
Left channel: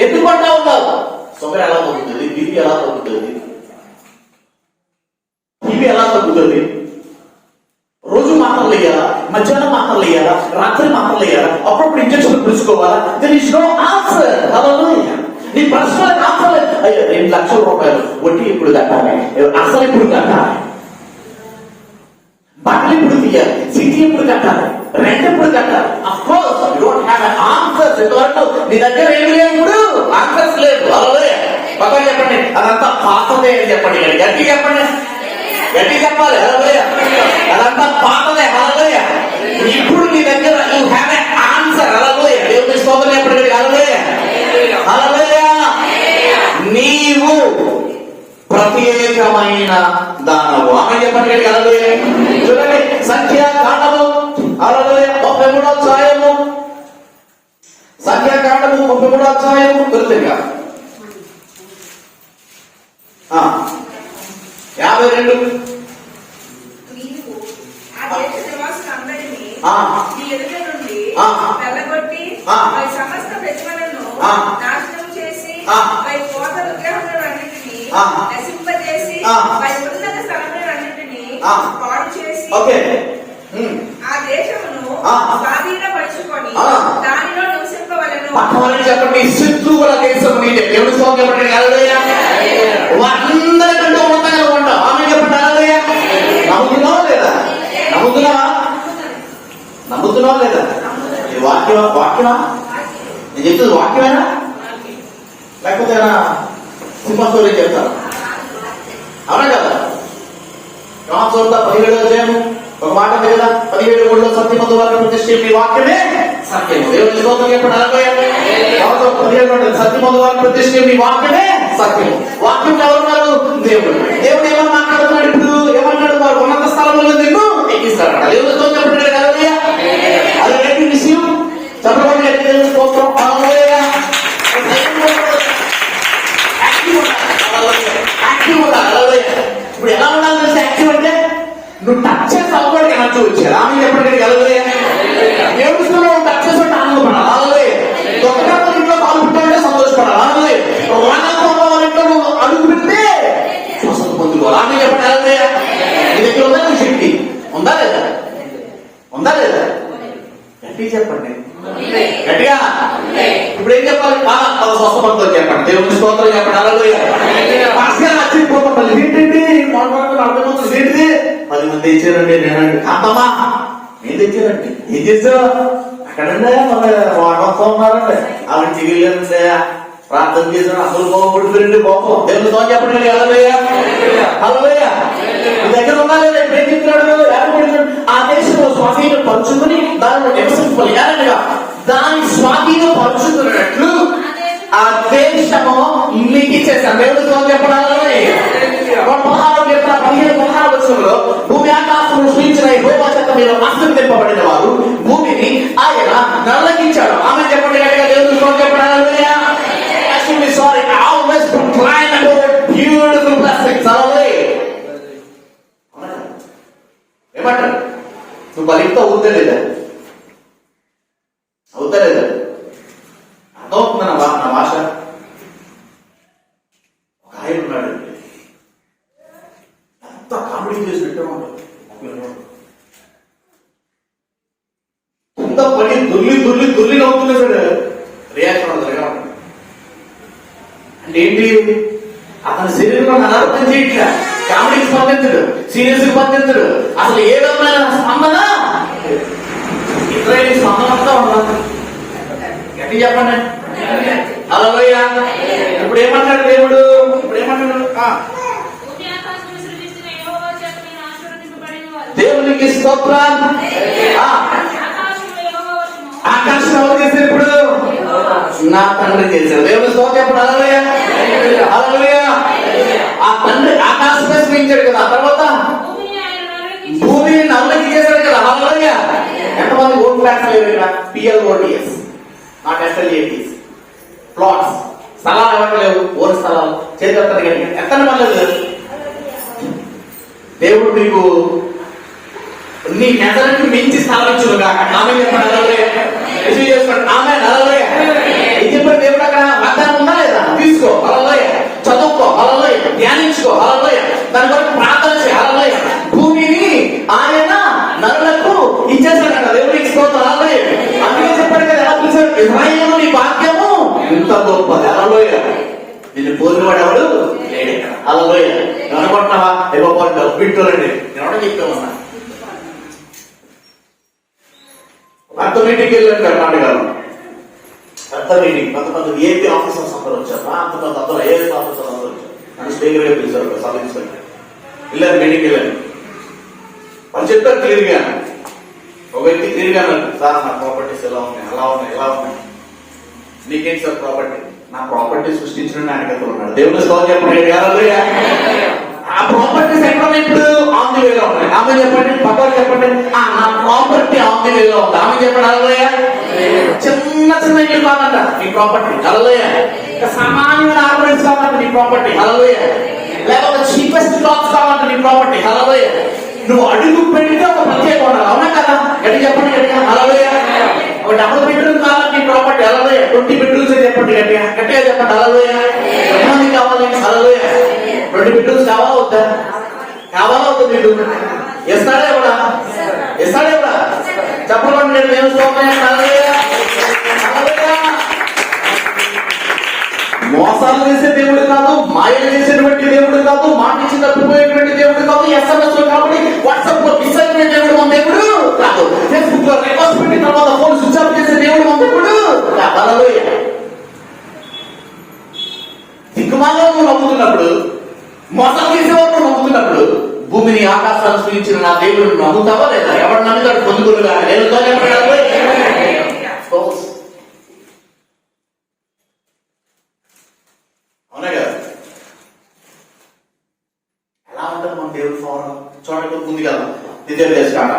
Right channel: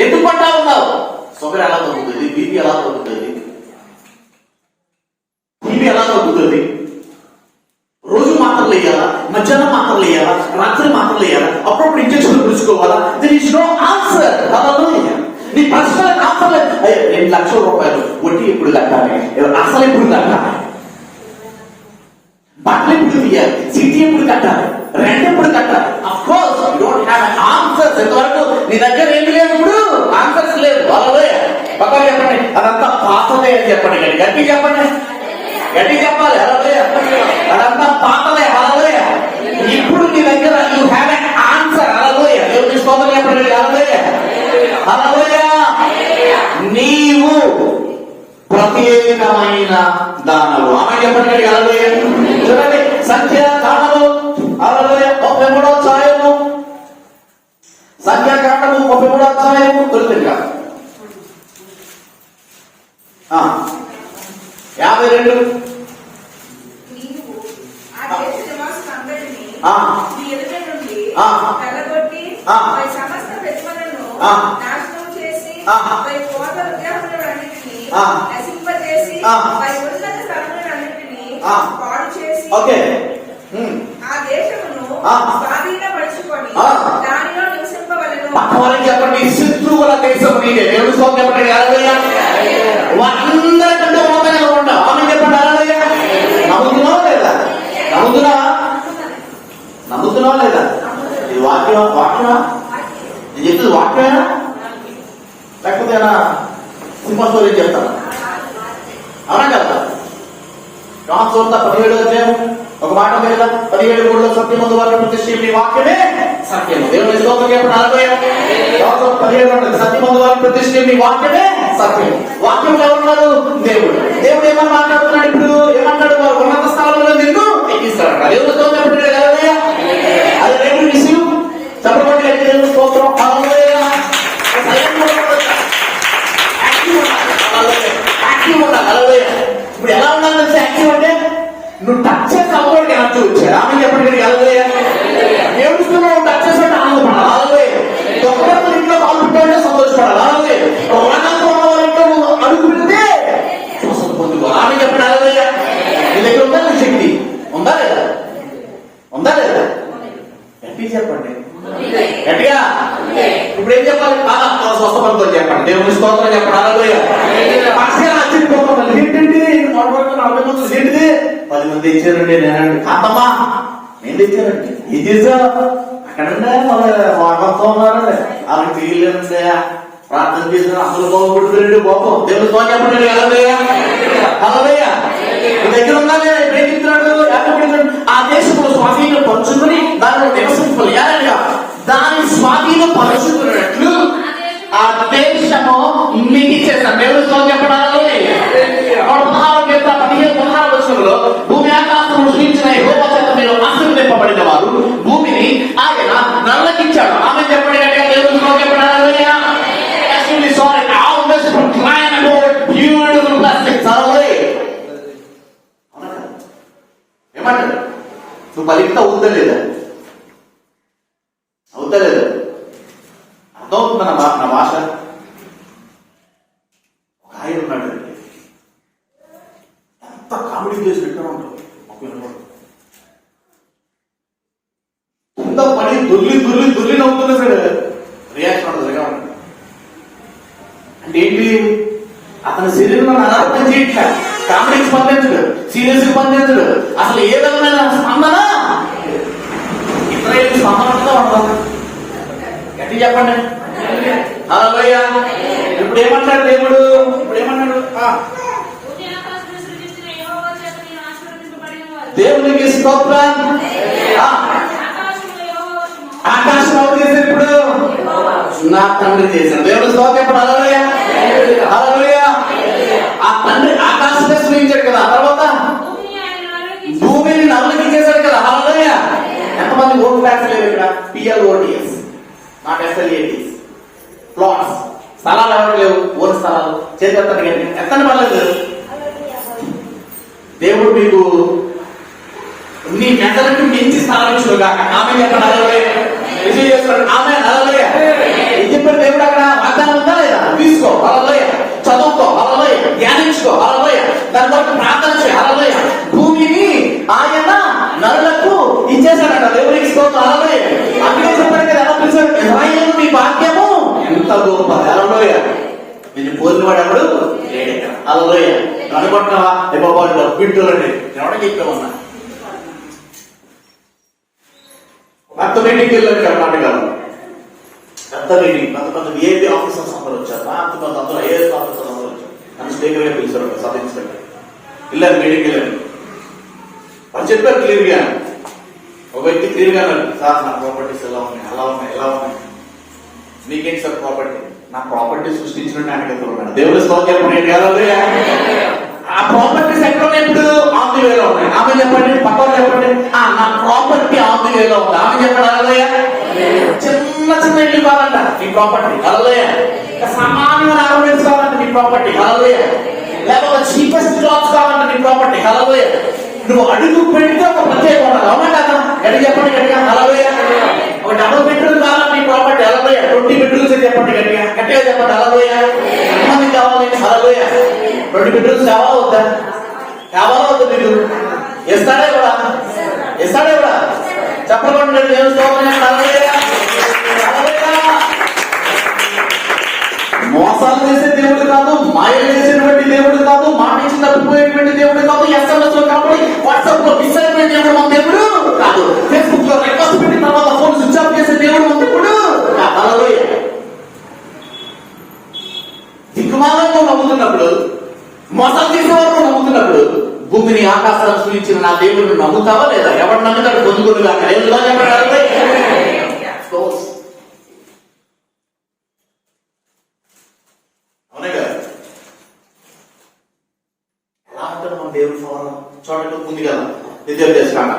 ఎందుకు అంటా ఉన్నావు? షుగర్ ఎలా తగ్గుతుంది? బీపీ ఎలా తగ్గుతుంది? బీపీ ఎలా తగ్గుతుంది? రోజు మాత్రలు వేయాలా? మధ్యాహ్నం మాత్రలు వేయాలా? రాత్రి మాత్రలు వేయాలా? అప్పుడప్పుడు ఇంజక్షన్ పులుచుకోవాలా? There is no answer. నీ ప్రశ్నలకు ఆన్సర్ లేదు. 2 లక్షల రూపాయలు వడ్డీ ఎప్పుడు కట్టాలి? అసలు ఎప్పుడు కట్టాలి? బట్టలు ఎప్పుడు తీయాలి? సిటీ ఎప్పుడు కట్టాలి? రెంట్ ఎప్పుడు కట్టాలి? Of course you don't have an answers. ఎందుకంటే నీ దగ్గర ఏమి లేదు, ఇప్పుడు ఆన్సర్స్ లేదు. హల్లెలూయా. పక్కన చెప్పండి, అదంతా పాతదే అని చెప్పండి. గట్టి చెప్పండి, గట్టి చెప్పాలి. హల్లెలూయా. అదంతా పాతదే. హల్లెలూయా. ఇప్పుడు నీ దగ్గర యు హావ్ an ఆన్సర్. హల్లెలూయా. దేవుని స్తోత్రం చెప్పండి. హల్లెలూయా. హల్లెలూయా. నీవు ప్రత్యేకమైన దానవు. ఆమె చెప్పండి. హల్లెలూయా. చూడండి, సంఖ్యాకాండము 33వ అధ్యాయము, సంఖ్యాకాండము 33వ అధ్యాయము కొద్దిగా 52. ఓకే. ఆ దేశమును స్వాధీనపరచుకొని దానిలో నివసింపవలెను. చెప్పండి, శత్రువుల దేశం మీదే. దేవుని స్తోత్రం చెప్పండి. హల్లెలూయా. అందరికంటే ఉన్నతంగా ఉంటాం. ఆమె చెప్పండి. హల్లెలూయా. నమ్ముతున్నావా లేదా? నమ్ముతున్నావా లేదా? ఈ వాక్యమా నేను చెప్తుంది వాక్యమేనా లేకపోతే సింహాసోరీ చెప్తారా? అవునా కదా? రామచోద 17వ అధ్యాయం ఒక మాట మీద 17 సత్యమందు వారిని ప్రతిష్ఠించి మీ వాక్యమే సత్యం. దేవుని స్తోత్రం చెప్పండి. హల్లెలూయా. 17 సత్యమందు వారిని ప్రతిష్ఠించి మీ వాక్యమే సత్యం. వాక్యం ఎవరున్నారు? దేవుడు. దేవుడు ఏమని మాట్లాడుతున్నాడు? ఇప్పుడు ఏమన్నాడు? వారు ఉన్నత స్థలంలో నిన్ను ఎక్కిస్తాడు. దేవుని స్తోత్రం చెప్పండి. హల్లెలూయా. అది రెండు విషయం చెప్పబడి దేవుని స్తోత్రం. హల్లెలూయా. యాక్టివ్ ఉండాలి. హల్లెలూయా. ఇప్పుడు ఎలా ఉండాలి తెలిసి యాక్టివ్ అంటే నువ్వు టచ్ చేసి అవ్వడానికి యాక్టివ్ వచ్చారు. ఆమె చెప్పండి. హల్లెలూయా. ఏడుస్తూ నువ్వు టచ్ చేసినట్టు ఆనందపడాలి. హల్లెలూయా. దొంగ ఇంట్లో పాల్గొంటే సంతోషపడాలి. హల్లెలూయా. ఇంట్లో నువ్వు అడుగు పెడితే స్వస్థత పొందుకోవాలి. ఆమె చెప్పండి. హల్లెలూయా. నీ దగ్గర ఉందా నీ శక్తి? ఉందా లేదా? ఉందా లేదా? గట్టి చెప్పండి. గట్టిగా. ఇప్పుడు ఏం చెప్పాలి? స్వస్థపడతాం చెప్పండి. దేవుని స్తోత్రం చెప్పండి. హల్లెలూయా. ఏంటంటే 10 మంది ఇచ్చారండి. నేనండి అమ్మమ్మా ఏం తెచ్చారండి? ఏం చేశారు అక్కడండి? మొత్తం ఉన్నారండి. వాళ్ళకి తిరిగిలేదండి. ప్రార్థన చేశారు. అసలు బాగుపడుతుంది పాపం. దేవుని స్తోత్రం చెప్పండి. హల్లెలూయా. హల్లెలూయా. మీ దగ్గర ఉందా లేదా? ఏం చెప్తున్నాడు? ఆ దేశంలో స్వాధీనం పరుచుకుని దానిలో నివసించాలి. దాని స్వాధీనం పరుచుకున్నట్లు ఆ దేశము మీకు ఇచ్చేస్తాను. దేవుని స్తోత్రం చెప్పండి. భూమి ఆకాశం సృష్టించిన యెహోవా చేత మీరు ఆశీర్వదింపబడిన వారు భూమిని ఆయన నల్లగించాడు. ఆమె చెప్పండి. గట్టిగా దేవుని స్తోత్రం చెప్పండి. Hallelujah. Sorry, always proclaim about beautiful blessings. Hallelujah. ఏమంటారు? నువ్వు బలిగితే అవుతా లేదా? అవుతా లేదా? అర్థమవుతుందా నా భాష? ఒక ఆయన ఉన్నాడు, ఎంత కామెడీ చేసి పెట్టామంటారు. ఎంత పని దుల్లి నవ్వుతున్నాడు. రియాక్షన్ అవుతుంది. అంటే ఏంటి? అతని శరీరంలో అనారోగ్యం చేయట్లా. కామెడీకి స్పందించడు, సీరియస్ స్పందించడు. అసలు ఏ విధమైన స్పందన ఇతరుల స్పందనతో ఉండదు. గట్టి చెప్పండి. హల్లెలూయా. ఇప్పుడు ఏమంటాడు దేవుడు? ఇప్పుడు ఏమన్నాడు? దేవునికి స్తోత్రం. ఆకాశం ఎవరు చేశారు? ఇప్పుడు నా తండ్రి చేశారు. దేవుని స్తోత్రం. ఇప్పుడు హల్లెలూయా. హల్లెలూయా. ఆ తండ్రి ఆకాశమే సృష్టించాడు కదా. ఆ తర్వాత భూమిని నల్లకి చేశాడు కదా. హల్లెలూయా. ఎంతమంది ఓన్ ఫ్లాట్స్ లేవు ఇక్కడ? PLOTS, not SLATs. ప్లాట్స్, స్థలాలు ఎవరు లేవు. ఓన్ స్థలాలు చేతి ఎంత పర్లేదు. దేవుడు మీకు నీ మెదడుకు మించి స్థలం చూడగా ఆమె చెప్పండి. వింటూరండి నేను ఎవరికి చెప్తా ఉన్నా పెద్ద మీటింగ్కి వెళ్ళాను కర్ణాటకలో. పెద్ద మీటింగ్, కొంతమంది ఏపీ ఆఫీసర్స్ అందరూ వచ్చారు, కొంతమంది అందరూ ఐఏఎస్ ఆఫీసర్స్ అందరూ వచ్చారు. నన్ను స్టేజ్ గా పిలిచారు, సబ్ ఇన్స్పెక్టర్. వెళ్ళాను మీటింగ్కి వెళ్ళాను. వాళ్ళు చెప్పారు క్లియర్ గా, ఒక వ్యక్తి క్లియర్ గా అన్నాడు, సార్ నా ప్రాపర్టీస్ ఎలా ఉన్నాయి, అలా ఉన్నాయి, ఎలా ఉన్నాయి. నీకేంటి సార్ ప్రాపర్టీ? నా ప్రాపర్టీ సృష్టించిన ఆయన కదా ఉన్నాడు. దేవుని స్తోత్రం చెప్పండి. ఆ ప్రాపర్టీస్ ఎక్కడ ఇప్పుడు ఆన్ ది వేలో ఉన్నాయి. ఆమె చెప్పండి, పక్కన చెప్పండి, నా ప్రాపర్టీ ఆన్ ది వేలో ఉంది. ఆమె చెప్పండి. అలలోయ. చిన్న చిన్న ఇల్లు కాదంట నీ ప్రాపర్టీ. అలలోయ. సామాన్యమైన ఆర్నమెంట్స్ కావాలంట నీ ప్రాపర్టీ. అలలోయ. లేకపోతే చీపెస్ట్ క్లాత్స్ కావాలంట నీ ప్రాపర్టీ. అలలోయ. నువ్వు అడుగు పెడితే ఒక ప్రత్యేక ఉండాలి. అవునా కదా? ఎక్కడ చెప్పండి గట్టిగా. అలలోయ. ఒక డబుల్ బెడ్రూమ్ కావాలంటే నీ ప్రాపర్టీ. అలలోయ. 20 బెడ్రూమ్స్ చెప్పండి గట్టిగా. గట్టిగా చెప్పండి. అలలోయ. ఎంతమంది కావాలి? అలలోయ. 20 బెడ్రూమ్స్ కావాలా వద్దా? కావాలా వద్దా? మీకు ఇస్తాడే కూడా, ఇస్తాడే కూడా. చెప్పకుండా నేను మోసాలు చేసే దేవుడు కాదు, మాయలు చేసేటువంటి దేవుడు కాదు, మాట ఇచ్చి తప్పిపోయేటువంటి దేవుడు కాదు, ఎస్ఎంఎస్ లో కాబట్టి వాట్సాప్ లో డిసైడ్ దేవుడు మన దేవుడు కాదు, ఫేస్బుక్ లో రిక్వెస్ట్ పెట్టి తర్వాత ఫోన్ స్విచ్ ఆఫ్ చేసే దేవుడు మన దేవుడు. దిక్కుమాలను నమ్ముతున్నప్పుడు, మోసాలు చేసేవారు నమ్ముతున్నప్పుడు, భూమిని ఆకాశాన్ని సూచించిన నా దేవుడు నమ్ముతావా లేదా? ఎవరు నమ్ముతాడు? పొందుకులుగా లేదు. అవునే కదా? ఎలా ఉంటుంది మన దేవుడు ఫోరం? చూడండి, ఉంది కదా ద్వితీయోపదేశకాండ.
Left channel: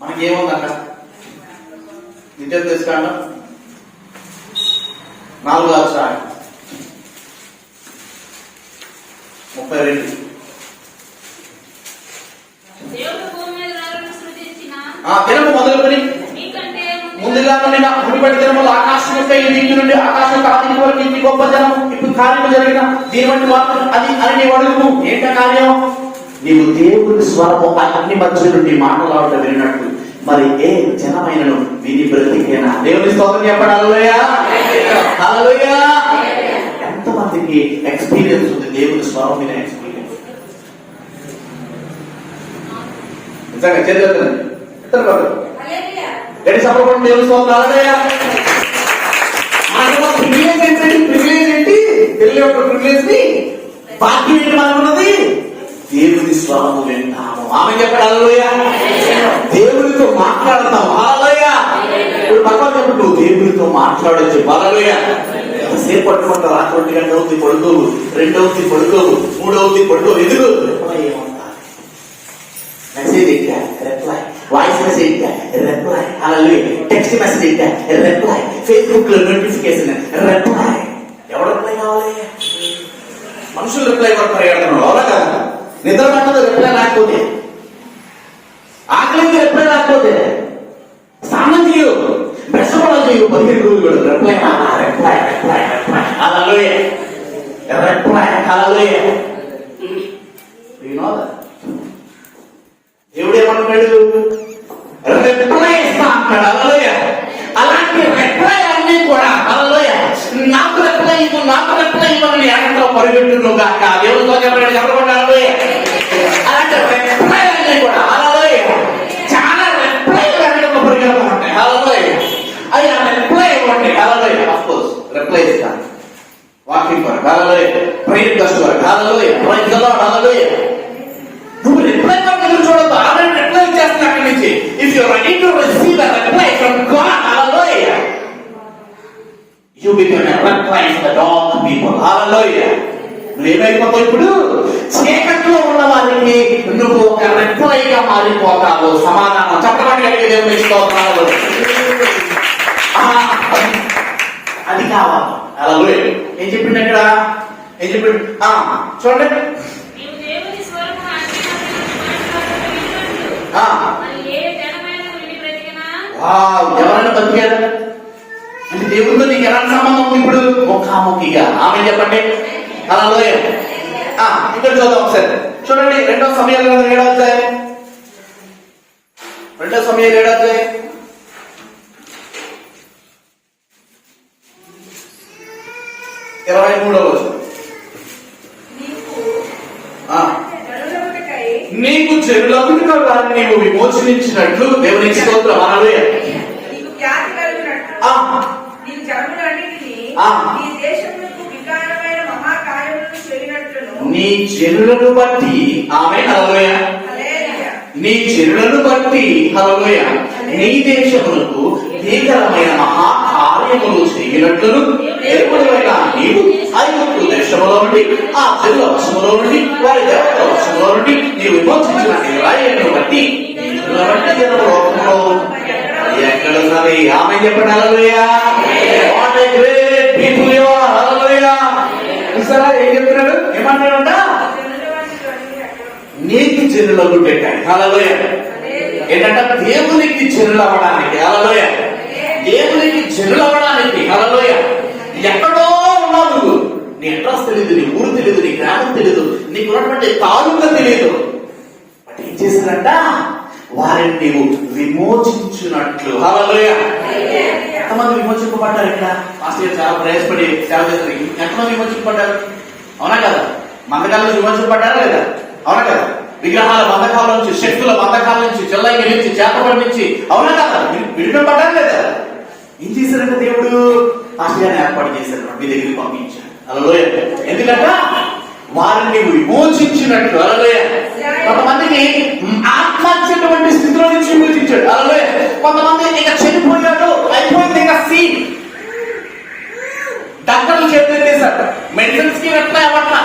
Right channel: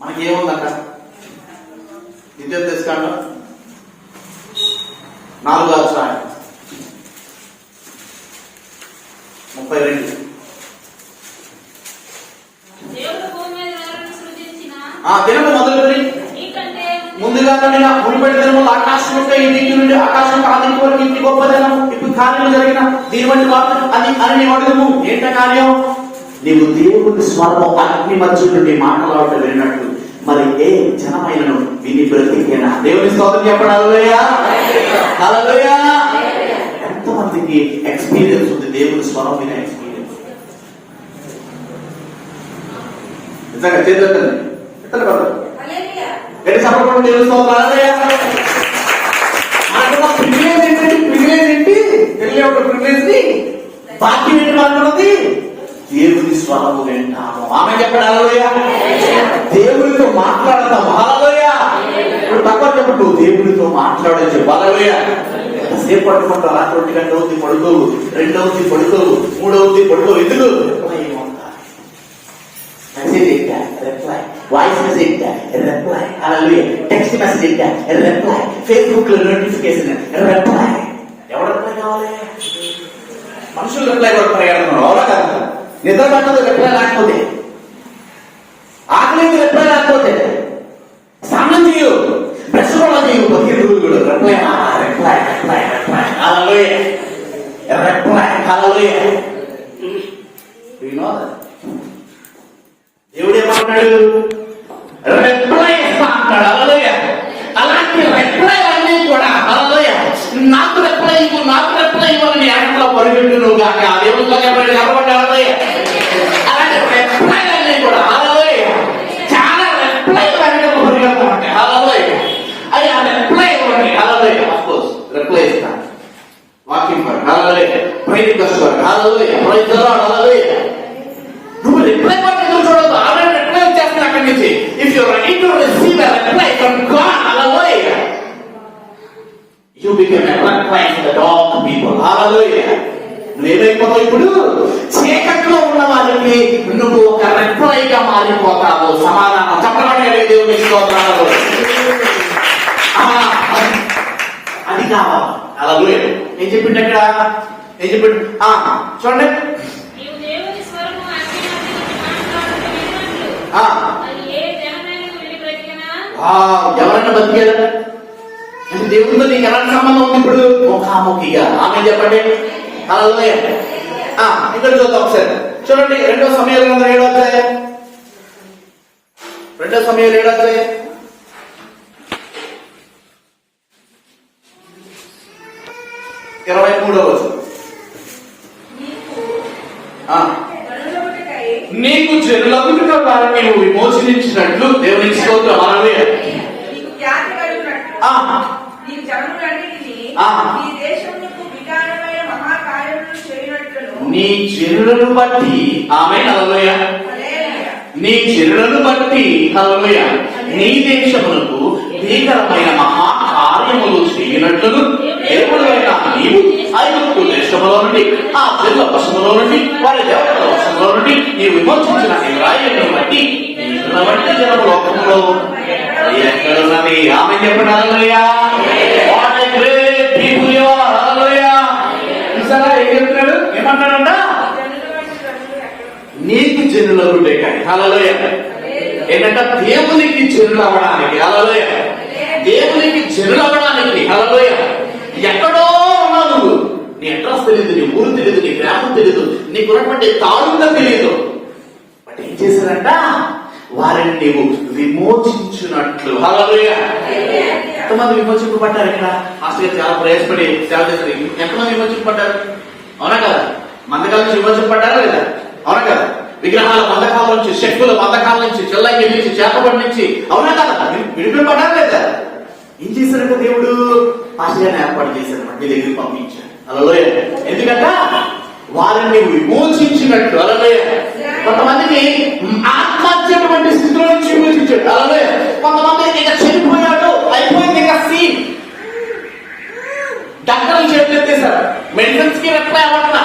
మనకి ఏముందంట? ద్వితీయోపదేశకాండ 4వ అధ్యాయం 32. దినము మొదలుకొని ముందుగా ముడిపడి దినములు ఆకాశం యొక్క ఈ నీటి నుండి ఆకాశం ఆదిని వరకు ఇంటి గొప్ప జనం ఇప్పుడు కార్యము జరిగిన దీని వంటి మాత్రం అది అని నీవు అడుగు. ఏంట కార్యం? నీవు దేవుని స్వరము అగ్ని మధ్య నుండి మాట్లాడుతూ విన్నట్టు మరి ఏ జనమైనను విని బ్రతికేనా? దేవుని స్తోత్రం చెప్పండి. హల్లెలూయా. హల్లెలూయా. ఎంతమందికి ఎక్స్పీరియన్స్ ఉంది దేవుని స్వరం వినే ఎక్స్పీరియన్స్? నిజంగా చేద్దాం. గట్టి సపోర్ట్ దేవుని స్తోత్రం. హల్లెలూయా. మనకు ప్రివిలేజ్ ఏంటి? ప్రివిలేజ్ ఏంటి? తెలియ ఒక ప్రివిలేజ్ ని భాగ్యం ఏంటి మనకున్నది? దేవుని స్వరము వింటాము. ఆమె చెప్పండి. హల్లెలూయా. దేవునితో మాట్లాడతాము. హల్లెలూయా. ఇప్పుడు పక్కన చెప్పు, నువ్వు దేవునితో మాట్లాడచ్చు. హల్లెలూయా. సేపు పట్టుకుంటూ రాత్రి 1 గంట అవుతుంది పడుకోవు, 2 అవుతుంది పడుకోవు, 3 అవుతుంది పడుకోవు. ఎందుకు? మెసేజ్ ఏంటా? రిప్లై. వాయిస్ మెసేజ్ ఏంటా? రిప్లై. హల్లెలూయా. టెక్స్ట్ మెసేజ్ ఏంటా? రిప్లై. ఫేస్బుక్ లో నోటిఫికేషన్ రిప్లై. ఎవరు రిప్లై కావాలి? మనుషులు రిప్లై కొడుతున్నారు. అవునా కదా? నిద్ర పట్టదు రిప్లై రాకపోతే, ఆకలి రిప్లై రాకపోతే, స్నానం చేయు, బ్రష్ కూడా చేయు, 15 రోజులు కూడా రిప్లై రిప్లై రిప్లై రిప్లై. హల్లెలూయా. రిప్లై. హల్లెలూయా. దేవుడు ఏమంటాడు? రిప్లై ఇస్తా అంటాడు. హల్లెలూయా. అలాంటి రిప్లై అన్నీ కూడా హల్లెలూయా నాకు రిప్లై ఇవ్వు, నాకు రిప్లై ఇవ్వని ఎక్కడో పరిగెట్టును గాక. దేవుడితో చెప్పండి. ఎవరు హల్లెలూయా. అలాంటి రిప్లై అన్నీ కూడా హల్లెలూయా చాలా రిప్లై అన్నీ పరిగెడుతూ ఉంటాయి. హల్లెలూయా. అది ఆ రిప్లై ఇవ్వండి. హల్లెలూయా. ఆఫ్ కోర్స్ రిప్లై ఇస్తాను. Walking for hallelujah. ప్రేయర్ చేస్తారు. Hallelujah. Praise the Lord. Hallelujah. నువ్వు రిప్లై పక్కన చూడొద్దు. ఆమె రిప్లై చేస్తున్నా అక్కడి నుంచి. If you ready to receive a reply from God, hallelujah, you become a reply for all the people. Hallelujah. నువ్వేమైపోతావు? ఇప్పుడు చీకట్లో ఉన్న వారికి నువ్వు ఒక రిప్లైగా మారిపోతావు. సమాధానం చెప్పడానికి దేవుని స్తోత్రాలు. అది కావాలి. హల్లెలూయా. ఏం చెప్పిండు ఇక్కడ? ఏం చెప్పిండు? చూడండి. ఎవరైనా బతికారు అంటే దేవుడితో నీకు ఎలాంటి సంబంధం ఉంది? ఇప్పుడు ముఖాముఖిగా. ఆమె చెప్పండి. హల్లెలూయా. ఇక్కడ చూద్దాం ఒకసారి. చూడండి 2వ సమయాలు 7వ అధ్యాయం. 2వ సమయాలు 7వ అధ్యాయం 23వ వచనం. చెరువులో వారిని నీవు విమోచనించినట్లు దేవుని స్తోత్రం. హల్లెలూయా. నీకు ఖ్యాతి కలుగునట్లు నీ జనులన్నిటినీ నీ దేశమునకు వికారమైన మహాకార్యములను చేయనట్లును నీ జనులను బట్టి ఆమేన్. హల్లెలూయా. నీ జనులను బట్టి హల్లెలూయా నీ దేశమునకు భీకరమైన మహాకార్యములు చేయనట్లును ఎప్పుడైనా నీవు ఐగుప్తు దేశంలో నుండి ఆ తెల్ల వశంలో నుండి వారి దేవతల వశంలో నుండి నీవు విమోచించిన రాయలను బట్టి జనము లోకంలో ఎక్కడ ఉన్నది ఆమె చెప్పండి. Hallelujah. What a great people you are. Hallelujah. ఈసారి ఏం చెప్తున్నాడు? ఏమన్నాడంట? నీకు జనులను పెట్టాడు. హల్లెలూయా. ఏంటంటే దేవునికి జనులు అవ్వడానికి. హల్లెలూయా. దేవునికి జనులు అవ్వడానికి. హల్లెలూయా. ఎక్కడో ఉన్నావు నువ్వు, నీ అడ్రస్ తెలియదు, నీ ఊరు తెలియదు, నీ గ్రామం తెలియదు, నీకు ఉన్నటువంటి తాలూకా తెలియదు. బట్ ఏం చేశారంట? వారిని నీవు విమోచించినట్లు. హల్లెలూయా. ఎంతమంది విమోచింపబడ్డారు? ఇక్కడ ఆస్ట్రేలియా చాలా ప్రయాసపడి సేవ చేస్తారు. ఎంతమంది విమోచింపబడ్డారు? అవునా కదా? మందకాల నుంచి విమోచింపబడ్డారా లేదా? అవునా కదా? విగ్రహాల బంధకాల నుంచి, శక్తుల బంధకాల నుంచి, చెల్లయ్య నుంచి, చేపబడి నుంచి, అవునా కదా? విడిపింపబడ్డారా లేదా? ఏం చేశారంటే దేవుడు ఆశయాన్ని ఏర్పాటు చేశారు, మీ దగ్గరికి పంపించాడు. హల్లెలూయా. ఎందుకంటే వారిని విమోచించినట్టు. హల్లెలూయా. కొంతమందికి ఆత్మహత్యటువంటి స్థితిలో నుంచి విమోచించాడు. హల్లెలూయా. కొంతమంది ఇక చనిపోయాడు, అయిపోయింది, ఇక సీన్. డాక్టర్లు చేతులు ఎత్తేశారు, మెడిసిన్స్ కి రెట్లా అవ్వట్లా,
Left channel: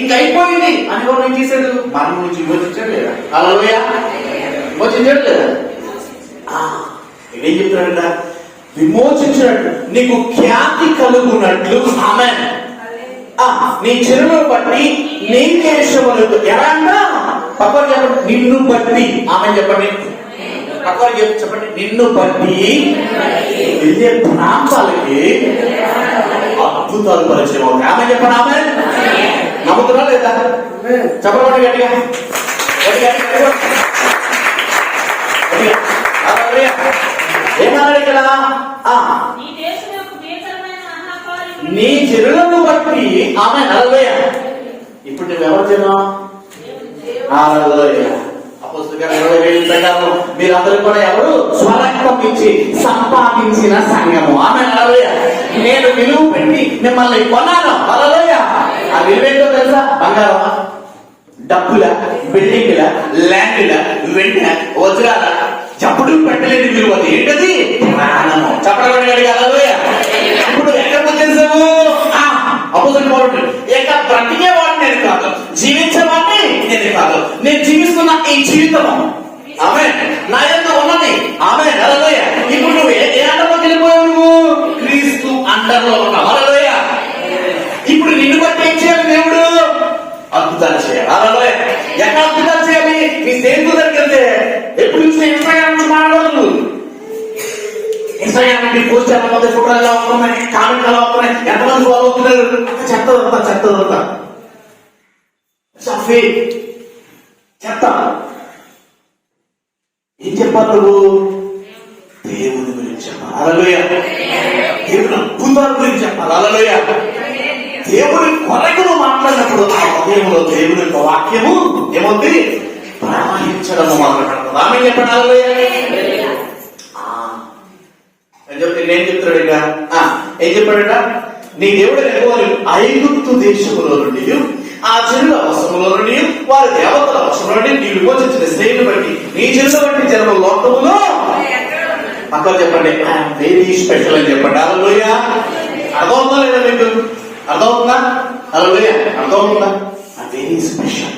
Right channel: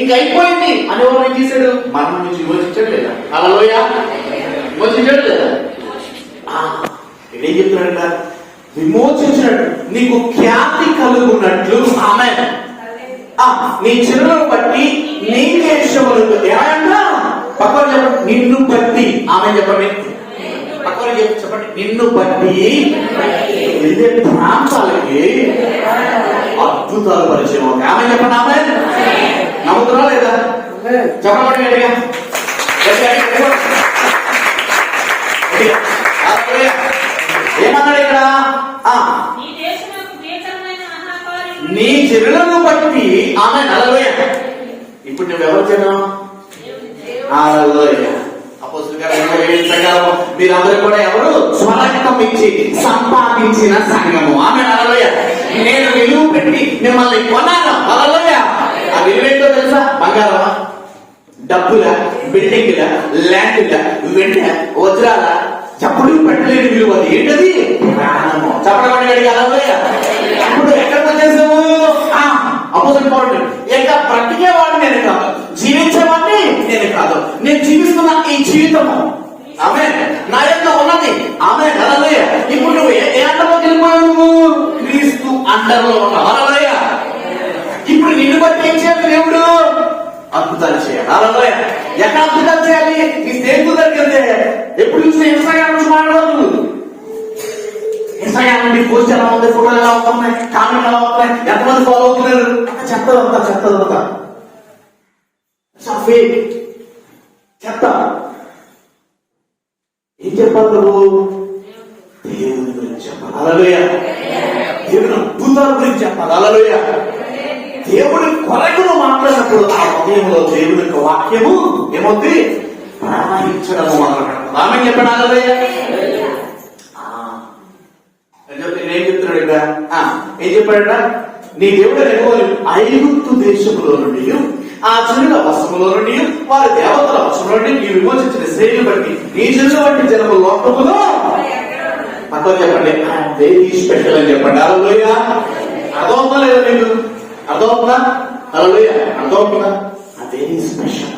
ఇంక అయిపోయింది అని ఎవరు ఏం చేశాడు? మరణం నుంచి విమోచించాడు లేదా? హల్లెలూయా. విమోచించాడు లేదా? ఏం చెప్తున్నాడు? విమోచించినట్టు నీకు ఖ్యాతి కలుగునట్లు. ఆమేన్. నీ చెరువును బట్టి నీ దేశమునకు ఏమన్నా పక్కన చెప్పండి, నిన్ను బట్టి. ఆమె చెప్పండి, పక్కన చెప్పండి, నిన్ను బట్టి వివిధ ప్రాంతాలకి అద్భుతాలు పరిచయం అవుతాయి. ఆమె చెప్పండి. ఆమె నమ్ముతున్నా లేదా? చెప్పండి గట్టిగా. ఏమన్నాడు ఇక్కడ? నీ జనులను బట్టి. ఆమె. హల్లెలూయా. ఇప్పుడు నువ్వు ఎవరు జనం? హల్లెలూయా. అపోస్తలుల 27 ప్రకారం మీరందరూ కూడా ఎవరు? స్వరక్తం ఇచ్చి సంపాదించిన సంఘము. ఆమె. హల్లెలూయా. నేను విలువ పెట్టి మిమ్మల్ని కొన్నాను. హల్లెలూయా. ఆ విలువ ఏంటో తెలుసా? బంగారమా, డబ్బుల, బిల్డింగ్ల, ల్యాండ్ల, వెంట, వజ్రాల, చప్పుడు పెట్టలేని విలువ. ఏంటది? ప్రాణము. చెప్పడం అడిగా. హల్లెలూయా. ఇప్పుడు ఎక్కడ చేసావు? అపోజిట్ పౌరుడు ఇక బ్రతికేవాడు నేను కాదు, జీవించేవాడిని నేను కాదు, నేను జీవిస్తున్న ఈ జీవితము ఆమె నా యొక్క ఉన్నది. ఆమె. హల్లెలూయా. ఇప్పుడు నువ్వు ఏ అండర్లోకి వెళ్ళిపోయావు? నువ్వు క్రీస్తు అండర్లో ఉన్నావు. హల్లెలూయా. ఇప్పుడు నిన్ను బట్టి ఏం చేయాలి? దేవుడు అద్భుతాలు చేయాలి. హల్లెలూయా. ఎక్కడ అద్భుతాలు చేయాలి? నీ స్నేహితుల దగ్గరికి వెళ్తే ఎప్పుడు చూస్తే ఇన్స్టాగ్రామ్ మాట్లాడదు. ఇన్స్టాగ్రామ్ నుండి పోస్ట్ ఎలా అవుతాయి, ఫోటోలు ఎలా అవుతున్నాయి, కామెంట్ ఎలా అవుతున్నాయి, ఎంతమంది ఫాలో అవుతున్నారు, చెత్త చెత్త. ఏం చెప్పాలి నువ్వు? దేవుని గురించి చెప్పాలి. హల్లెలూయా. దేవుని అద్భుతాల గురించి చెప్పాలి. హల్లెలూయా. దేవుడి కొరకును మాట్లాడినప్పుడు ఆ హృదయంలో దేవుని యొక్క వాక్యము ఏమవుతుంది? ప్రవహించడం మాట్లాడుతుంది. ఆమె చెప్పండి. హల్లెలూయా. ఏం చెప్తాడట? ఏం చెప్పాడట? నీ దేవుడు యెహోవా ఐగుప్తు దేశములో నుండి ఆ జనుల వశములో నుండి వారి దేవతల వశములో నుండి నీ విమోచించిన శ్రేణిని బట్టి నీ జనుల వంటి జన్మ లోకములో అక్కడ చెప్పండి, ఐఎమ్ వెరీ స్పెషల్ అని చెప్పండి. హల్లెలూయా. అర్థమవుతుందా లేదా మీకు? అర్థమవుతుందా? హల్లెలూయా. అర్థమవుతుందా? Very special.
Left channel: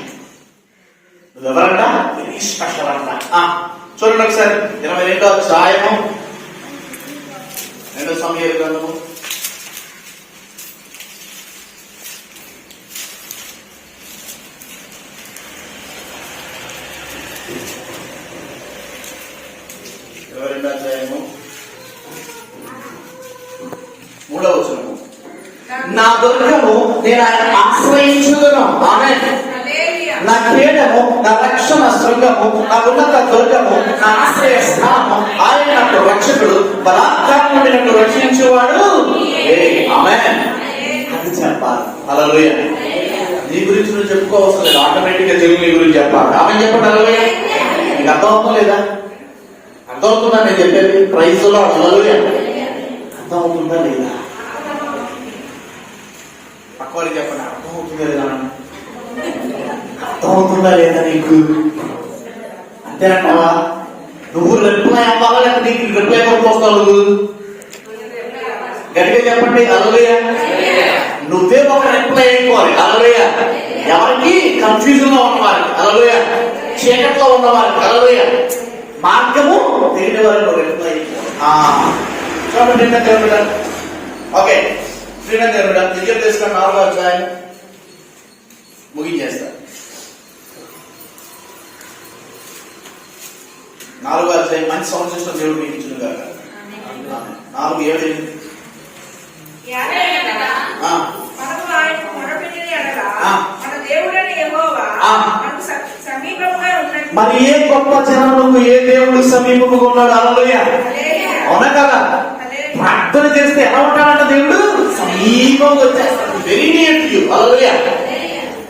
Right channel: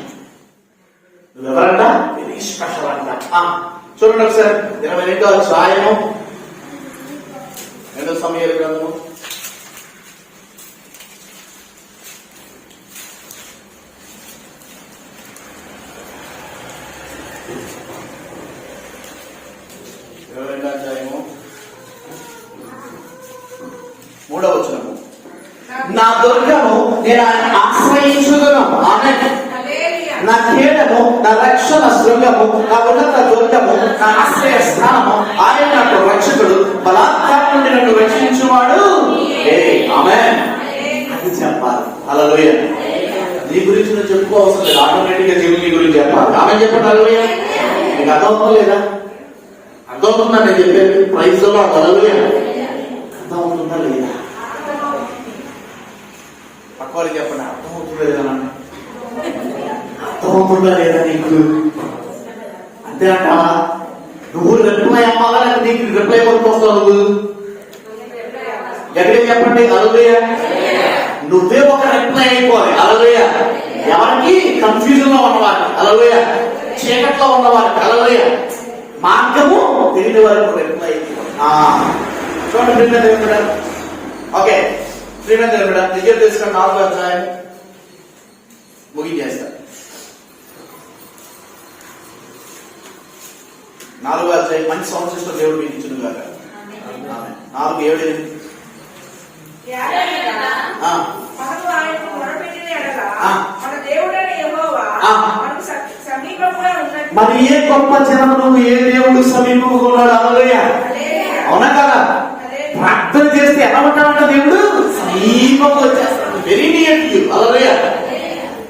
నువ్వెవరంట? వెరీ స్పెషల్ అంట. చూడండి ఒకసారి 22వ అధ్యాయము 2వ సమూయేలు గ్రంథము 22వ అధ్యాయము 3వ వచనము. నా దుర్గము నేను ఆయన ఆశ్రయించుదును. ఆమేన్. నా కేడము, నా రక్షణ శృంగము, నా ఉన్నత దుర్గము, నా ఆశ్రయ స్థానము, ఆయన నాకు రక్షకుడు, బలాత్కారం నుండి నన్ను రక్షించేవాడు. ఆమేన్. అది చెప్పాలి. హల్లెలూయా. నీ గురించి నువ్వు చెప్పుకోవస్తుంది ఆటోమేటిక్ గా దేవుని గురించి చెప్పాలి. ఆమె చెప్పండి హల్లెలూయా. నీకు అర్థమవుతుందా? అర్థమవుతుందా నేను చెప్పేది? ప్రైజ్ లో హల్లెలూయా. అర్థమవుతుందా లేదా? పక్కవారికి చెప్పండి అర్థమవుతుందా లేదా? అర్థమవుతుందా లేదా నీకు? అంతేనంటావా? నువ్వు రిప్లై అవ్వాలా లేదా నీకు రిప్లై కొట్టుకొస్తావు? నువ్వు గట్టిగా చెప్పండి హల్లెలూయా. నువ్వే ఒక రిప్లై అయిపోవాలి హల్లెలూయా. ఎవరికి? కన్ఫ్యూజన్ లో ఉన్నవారికి హల్లెలూయా, చీకట్లో ఉన్నవారికి హల్లెలూయా, మార్గము తెలియని వారికి రిప్లై. చూడండి ప్రియమైన దేవుని బిడ్డ. ఓకే ప్రియమైన దేవుని బిడ్డ, విజయం తీసుకొని 4వ అధ్యాయం ముగించేస్తా. 4వ అధ్యాయం మంచి సౌండ్ సిస్టమ్ దేవుడు మీకు ఇచ్చిన కాక. 4:7 మనము ఆయనకు మొరపెట్టిన ఎడల మన దేవుడైన యెహోవా మనకు సమీపంగా ఉన్నట్టు. మరి ఏ గొప్ప జనమునకు ఏ దేవుడు సమీపంగా ఉన్నాడు హల్లెలూయా. అవునా కదా? ప్రార్థన చేస్తే ఎలా ఉంటాడంట దేవుడు? సమీపంగా వచ్చేస్తాడు. Very near to you hallelujah.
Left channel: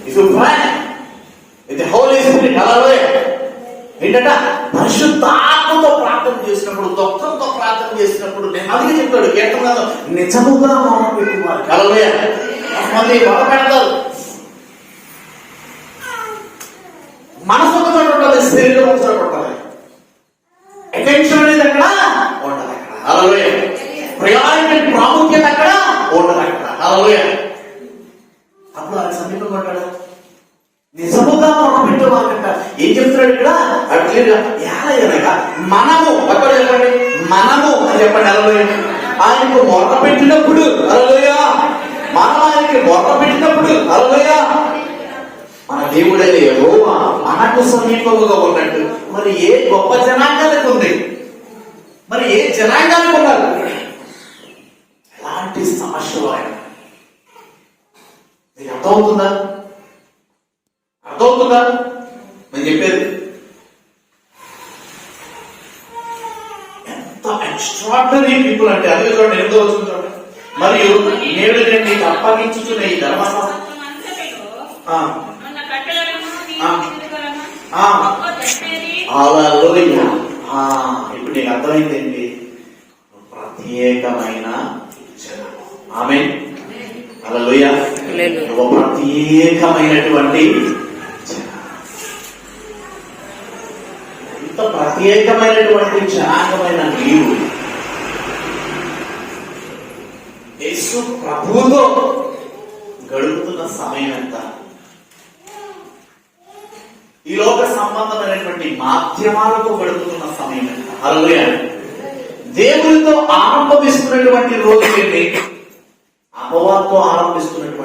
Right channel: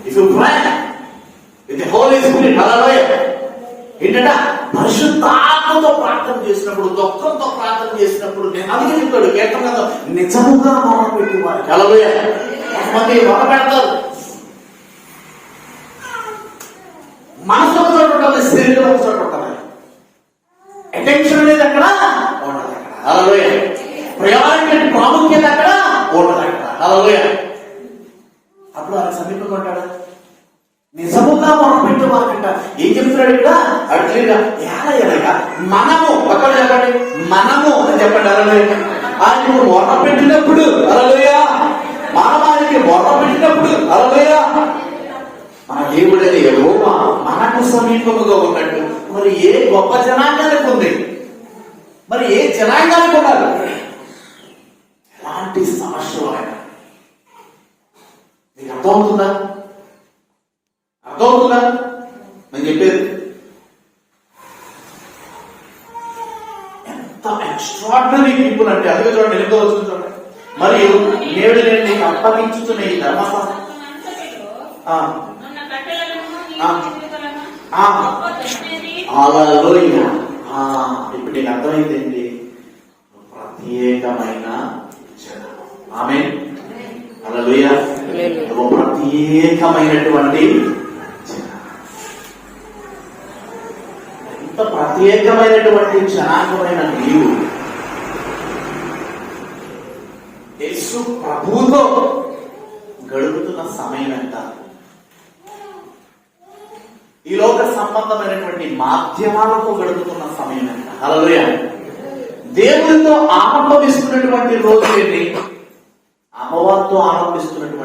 If you pray with the holy spirit hallelujah. ఏంటంటే పరిశుద్ధాత్మతో ప్రార్థన చేసినప్పుడు, దుఃఖంతో ప్రార్థన చేసినప్పుడు నేను అందుకే చెప్తాడు కీర్తనలో నిజముగా మొరపెట్టి వారికి హల్లెలూయా. కొంతమంది మొరపెడతారు, మనసు ఒక చోట ఉండాలి, శరీరం ఒక చోట ఉండాలి, అటెన్షన్ అనేది అక్కడ ఉండాలి. హల్లెలూయా. ప్రయారిటీ ప్రాముఖ్యత అక్కడ ఉండాలి. హల్లెలూయా. అప్పుడు ఆయన సమీపంగా ఉంటాడు. నిజముగా మొరపెట్టు వారంట. ఏం చెప్తున్నాడు ఇక్కడ? అట్లేగా ఏలయనక మనము ఎక్కడ చెప్పండి, మనము అని చెప్పండి హల్లెలూయా. ఆయనకు మొరపెట్టినప్పుడు హల్లెలూయా, మనం ఆయనకి మొరపెట్టినప్పుడు హల్లెలూయా, మన దేవుడైన యెహోవా మనకు సమీపముగా ఉన్నట్టు మరి ఏ గొప్ప జనాంగానికి ఉంది, మరి ఏ జనాంగానికి ఉన్నారు? ఎలాంటి సమస్యలు ఆయన మీకు అర్థమవుతుందా? అర్థమవుతుందా నేను చెప్పేది? ఎంత ఎక్స్ట్రాడినరీ పీపుల్ అంటే అదే చూడండి. ఎంతో వస్తుంది చూడండి. మరియు నేడు నేను నీకు అప్పగించుతున్న ఈ ధర్మశాస్త్రం హల్లెలూయా. ఇప్పుడు నీకు అర్థమైంది ప్రత్యేకమైన జనం. ఆమేన్ హల్లెలూయా. ప్రత్యేకమైనటువంటి ఎంత ప్రత్యేకమైనటువంటి జనాంగమైన నీవు యేసు ప్రభువుతో గడుపుతున్న సమయం ఎంత? ఈ లోక సంబంధమైనటువంటి మాధ్యమాలతో గడుపుతున్న సమయం ఎంత? హల్లెలూయా. దేవునితో ఆరంభిస్తున్నటువంటి రోజు ఏంటి? అపవాదంతో ఆరంభిస్తున్నటువంటి